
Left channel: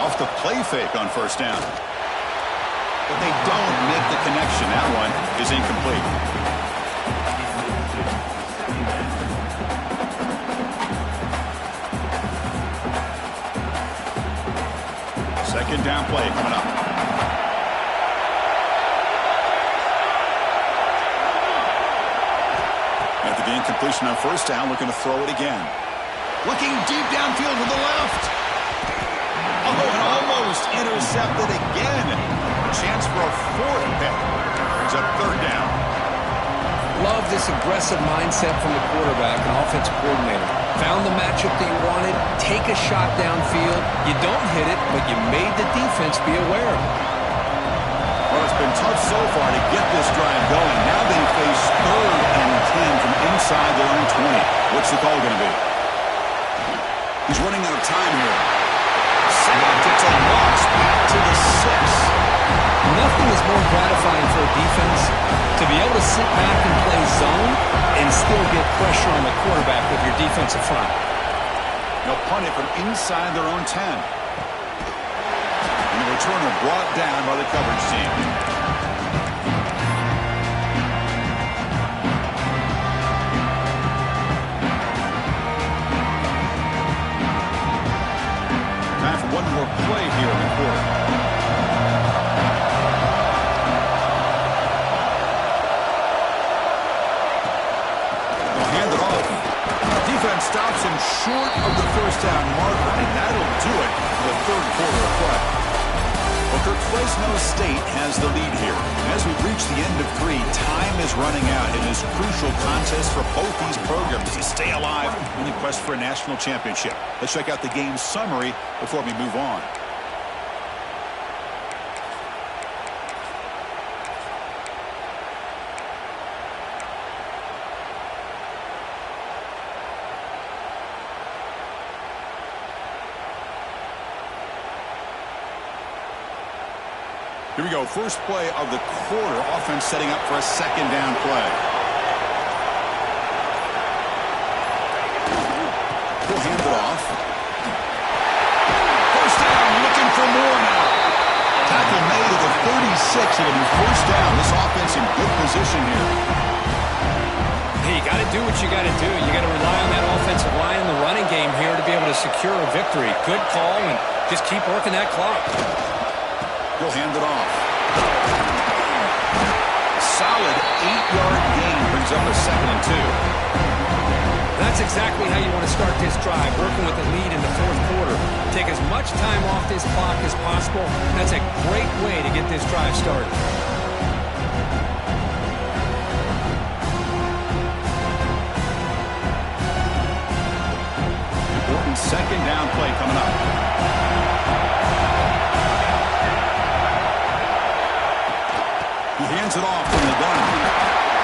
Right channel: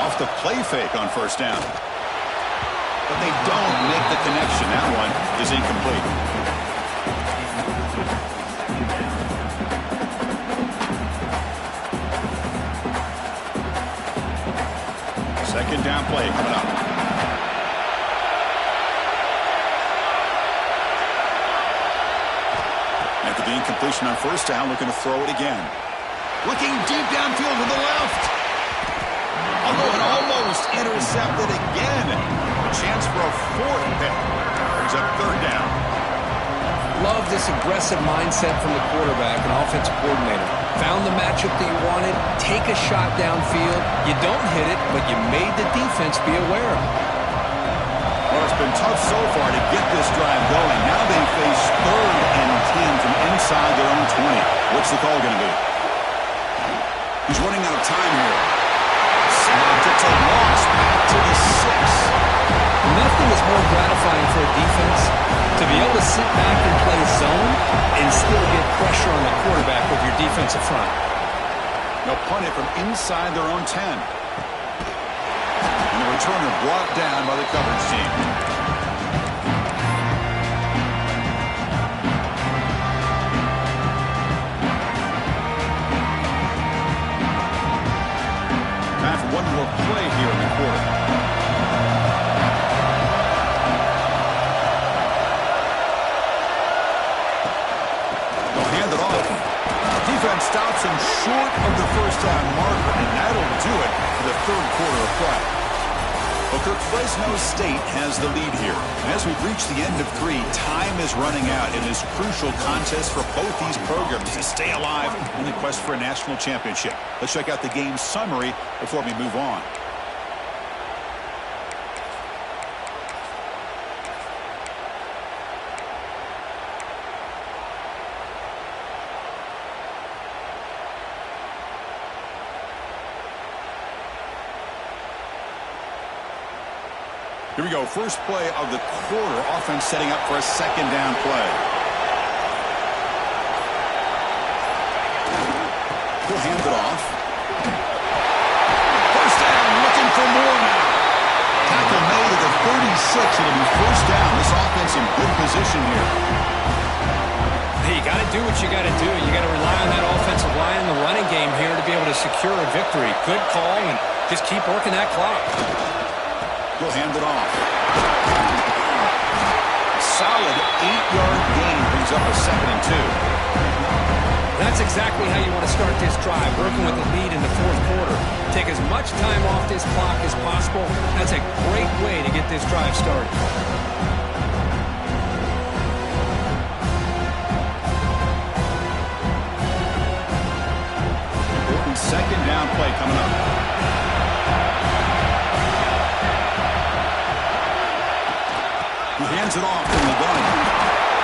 Off the play fake on 1st down. But they don't make the connection. That one is incomplete. Second down play coming up. After the incompletion on 1st down, looking to throw it again. Looking deep downfield to the left. Oh, and almost intercepted again. A chance for a 4th pick. Brings up 3rd down. Love this aggressive mindset from the quarterback and offensive coordinator. Found the matchup that you wanted, take a shot downfield. You don't hit it, but you made the defense be aware of it. Well, it's been tough so far to get this drive going. Now they face 3rd and 10 from inside their own 20. What's the call going to be? He's running out of time here. Sacked. It's a loss back to the 6. Nothing is more gratifying for a defense to be able to sit back and play zone and still get pressure on the quarterback with your defensive front. They'll punt it from inside their own 10. And the returner brought down by the coverage team. Time for one more play here in the quarter. Defense stops him short of the first down marker, and that'll do it for the 3rd quarter of play. Well, Kirk, Fresno State has the lead here. As we've reached the end of 3, time is running out. It is a crucial contest for both these programs to stay alive in the quest for a national championship. Let's check out the game summary before we move on. Here we go. First play of the quarter. Offense setting up for a 2nd down play. He'll hand it off. First down, looking for more now. Tackle made at the 36. It'll be first down. This offense in good position here. Hey, you got to do what you got to do. You got to rely on that offensive line and the running game here to be able to secure a victory. Good call, and just keep working that clock. He'll hand it off. A solid 8-yard gain brings up a 2nd and 2. That's exactly how you want to start this drive, working with the lead in the 4th quarter. Take as much time off this clock as possible. That's a great way to get this drive started. Important 2nd down play coming up. He hands it off from the gun.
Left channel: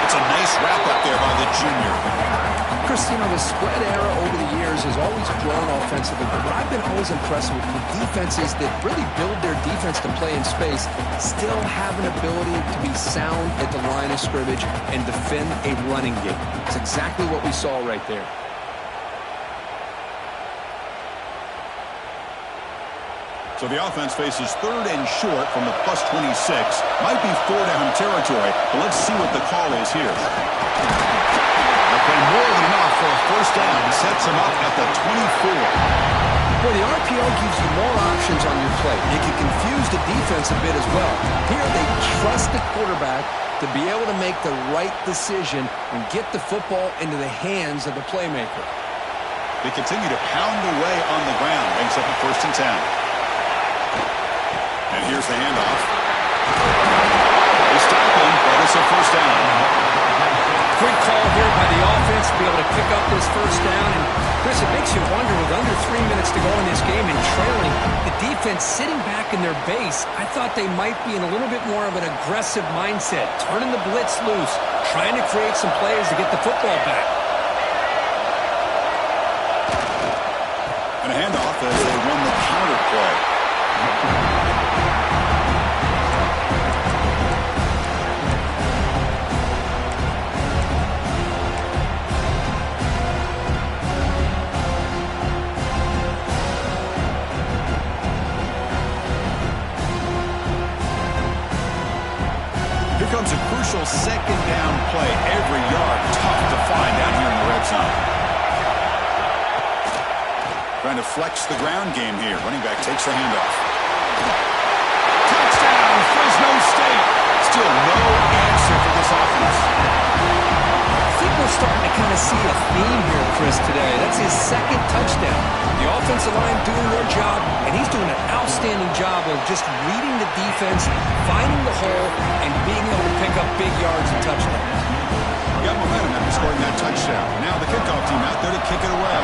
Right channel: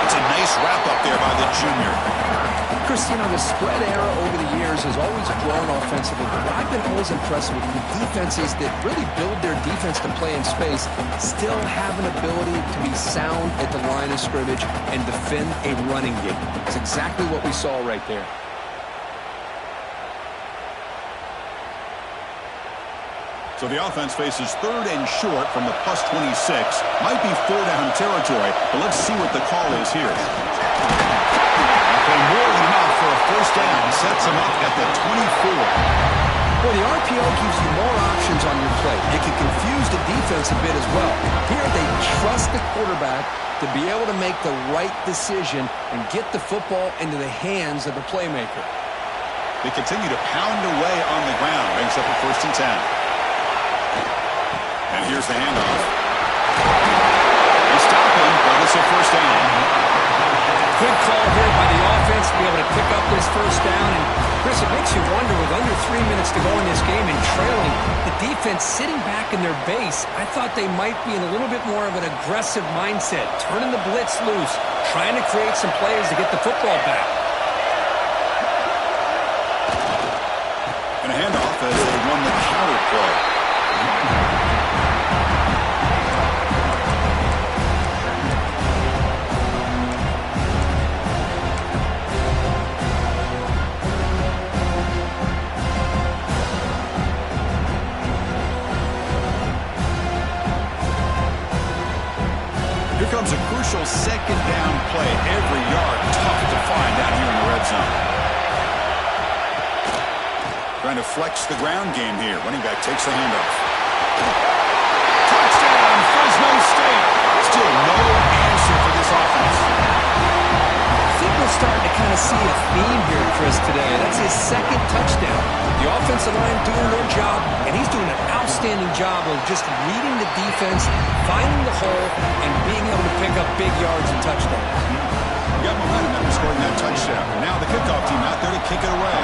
It's a nice wrap-up there by the junior. Chris, you know, the spread era over the years has always grown offensively, but what I've been always impressed with the defenses that really build their defense to play in space still have an ability to be sound at the line of scrimmage and defend a running game. It's exactly what we saw right there. So the offense faces 3rd and short from the plus 26. Might be 4-down territory, but let's see what the call is here. That play more than enough for a first down. Sets him up at the 24. Well, the RPO gives you more options on your play. It can confuse the defense a bit as well. Here they trust the quarterback to be able to make the right decision and get the football into the hands of the playmaker. They continue to pound away on the ground. Brings up a 1st and 10. And here's the handoff. They stop him, but it's a first down. Good call here by the offense to be able to pick up this first down. And, Chris, it makes you wonder, with under 3 minutes to go in this game and trailing, the defense sitting back in their base, I thought they might be in a little bit more of an aggressive mindset, turning the blitz loose, trying to create some plays to get the football back. And a handoff as they won the counter play. Here comes a crucial 2nd down play. Every yard tough to find down here in the red zone. Trying to flex the ground game here. Running back takes the handoff. Touchdown, Fresno State. Still no answer for this offense. I think we're starting to kind of see a theme here, Chris, today. That's his 2nd touchdown. The offensive line doing their job, and he's doing an outstanding job of just reading the defense, finding the hole, and being able to pick up big yards and touchdowns. got momentum after scoring that touchdown. Now the kickoff team out there to kick it away.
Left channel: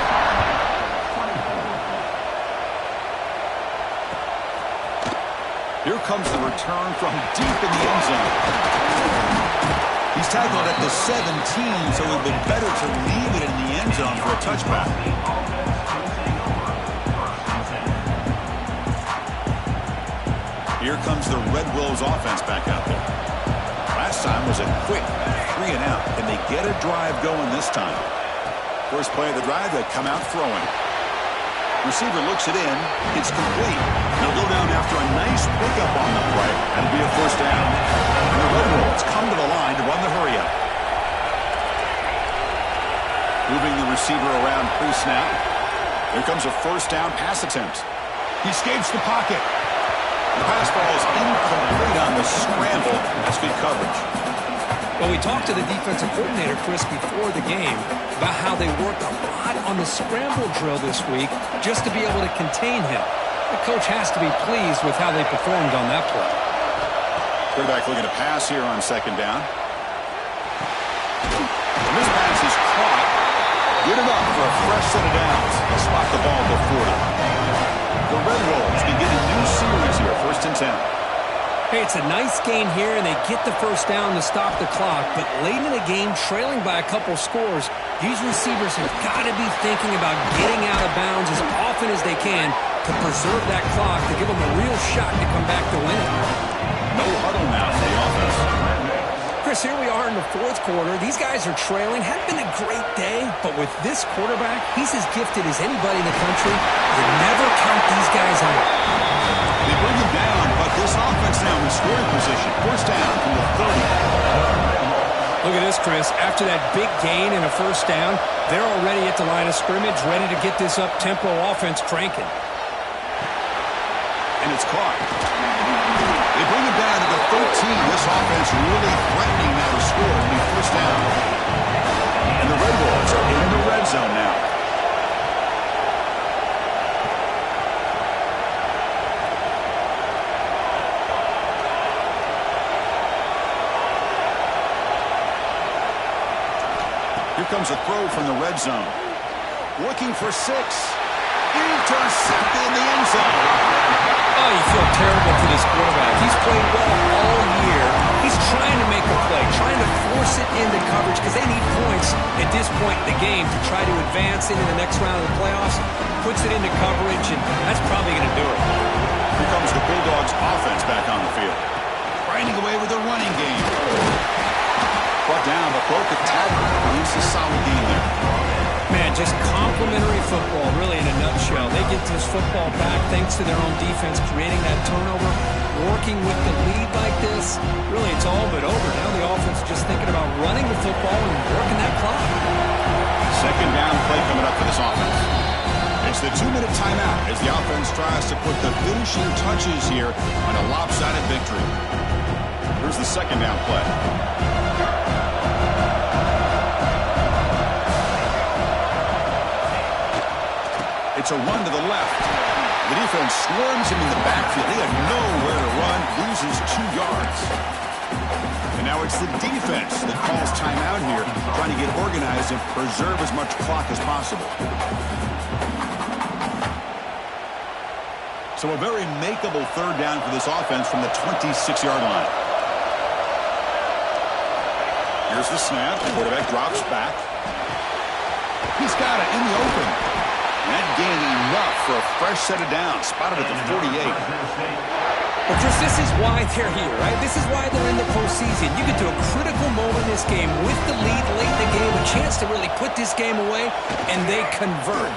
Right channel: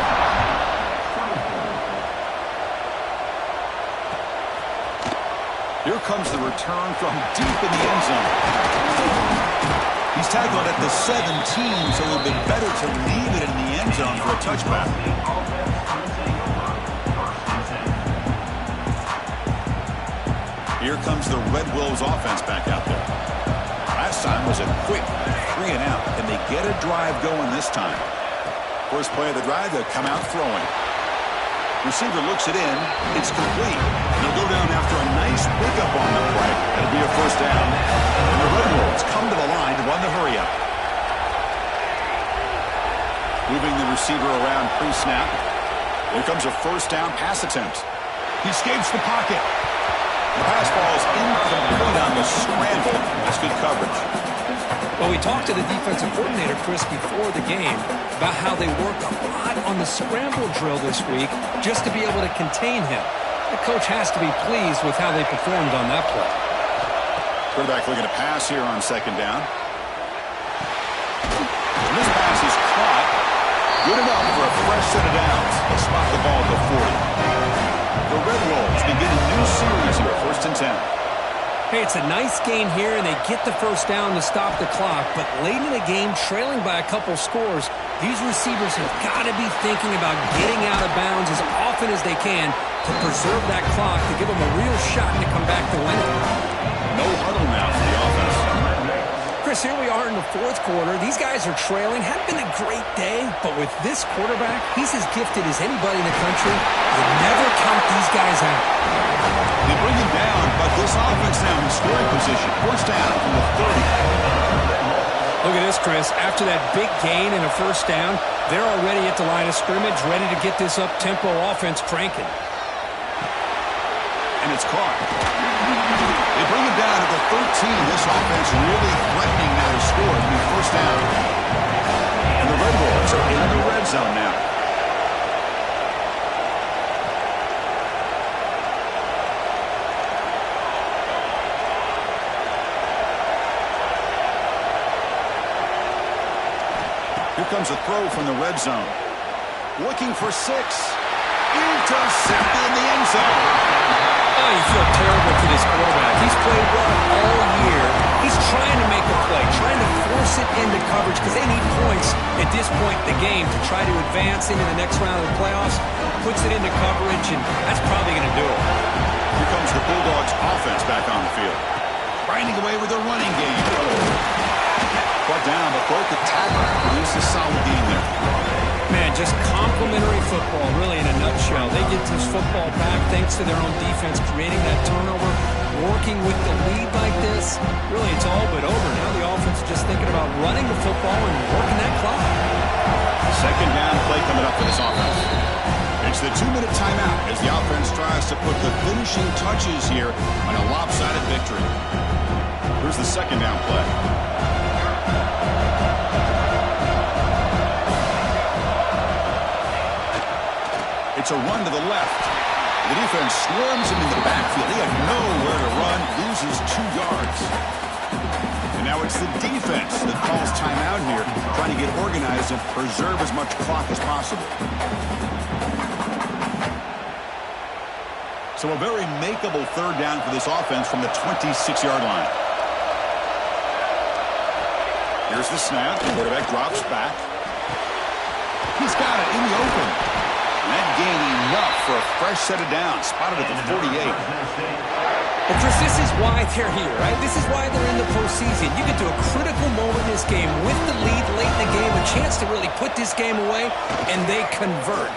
Here comes the return from deep in the end zone. He's tackled at the 17, so it would be better to leave it in the end zone for a touchback. Here comes the Red Wolves offense back out there. Last time was a quick 3 and out. Can they get a drive going this time? First play of the drive, they come out throwing. Receiver looks it in. It's complete. They'll go down after a nice pickup on the play. That'll be a first down. And the Red Wolves come to the line to run the hurry-up. Moving the receiver around pre-snap. Here comes a first down pass attempt. He escapes the pocket. The pass falls incomplete on the scramble. That's good coverage. Well, we talked to the defensive coordinator, Chris, before the game about how they worked a lot on the scramble drill this week just to be able to contain him. The coach has to be pleased with how they performed on that play. Quarterback looking to pass here on second down. And this pass is caught. Good enough for a fresh set of downs. They'll spot the ball at the 40. The Red Wolves begin a new series here, 1st and 10. Hey, it's a nice gain here, and they get the first down to stop the clock. But late in the game, trailing by a couple scores, these receivers have got to be thinking about getting out of bounds as often as they can to preserve that clock, to give them a real shot to come back to win it. No huddle now for the offense. Chris, here we are in the 4th quarter. These guys are trailing. Hadn't been a great day, but with this quarterback, he's as gifted as anybody in the country. You never count these guys out. They bring him down, but this offense now in scoring position. First down from the 30. Look at this, Chris. After that big gain and a first down, they're already at the line of scrimmage, ready to get this up-tempo offense cranking. And it's caught. They bring him down to the 13. This offense really threatening now to score. It'll be first down. And the Red Wolves are in the red zone now. Here comes a throw from the red zone. Looking for 6. Intercepted in the end zone. Oh, you feel terrible for this quarterback. He's played well all year. He's trying to make a play, trying to force it into coverage because they need points at this point in the game to try to advance into the next round of the playoffs. Puts it into coverage, and that's probably going to do it. Here comes the Bulldogs offense back on the field. Grinding away with the running game. Brought down, but broke the tackle. Produced a solid game there. Man, just complimentary football, really, in a nutshell. They get this football back thanks to their own defense, creating that turnover, working with the lead like this. Really, it's all but over. Now the offense is just thinking about running the football and working that clock. Second down play coming up for this offense. It's the 2-minute timeout as the offense tries to put the finishing touches here on a lopsided victory. Here's the second down play. It's a run to the left. The defense swarms him in the backfield. He had nowhere to run, loses 2 yards. And now it's the defense that calls timeout here, trying to get organized and preserve as much clock as possible. So a very makeable third down for this offense from the 26-yard line. Here's the snap. The quarterback drops back. He's got it in the open. That gain enough for a fresh set of downs. Spotted at the 48. Well, Chris, this is why they're here, right? This is why they're in the postseason. You get to a critical moment in this game with the lead late in the game, a chance to really put this game away, and they convert.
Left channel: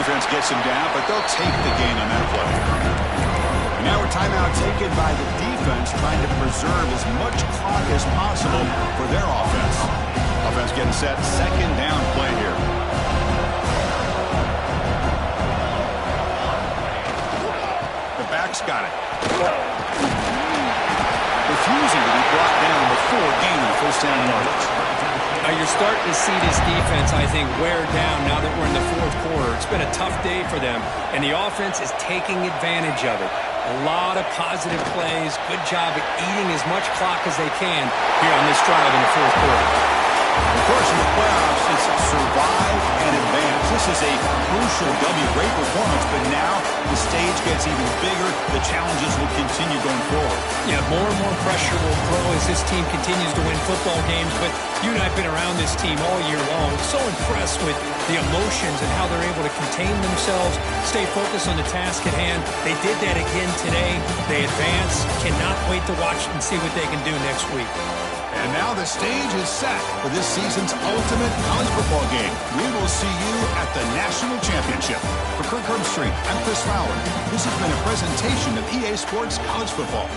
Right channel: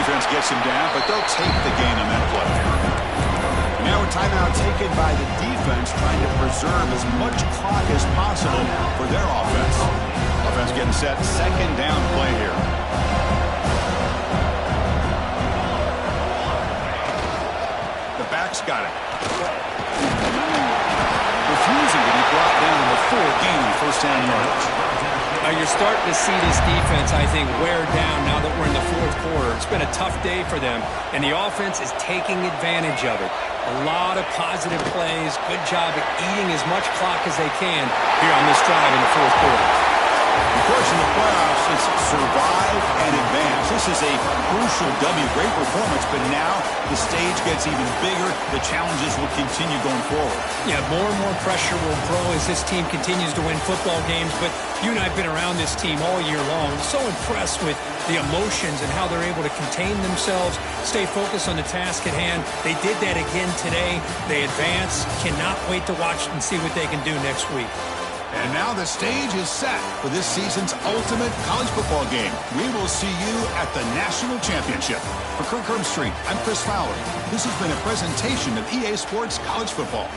Defense gets him down, but they'll take the gain on that play. And now a timeout taken by the defense, trying to preserve as much clock as possible for their offense. Offense getting set. Second down play here. The back's got it. Refusing to be brought down before gaining first down yardage. You're starting to see this defense, I think, wear down now that we're in the 4th quarter. It's been a tough day for them, and the offense is taking advantage of it. A lot of positive plays. Good job at eating as much clock as they can here on this drive in the fourth quarter. Of course, in the playoffs, it's survive and advance. This is a crucial W. Great performance, but now the stage gets even bigger. The challenges will continue going forward. Yeah, more and more pressure will grow as this team continues to win football games. But you and I have been around this team all year long. So impressed with the emotions and how they're able to contain themselves, stay focused on the task at hand. They did that again today. They advance. Cannot wait to watch and see what they can do next week. And now the stage is set for this season's ultimate college football game. We will see you at the National Championship. For Kirk Herbstreit, I'm Chris Fowler. This has been a presentation of EA Sports College Football.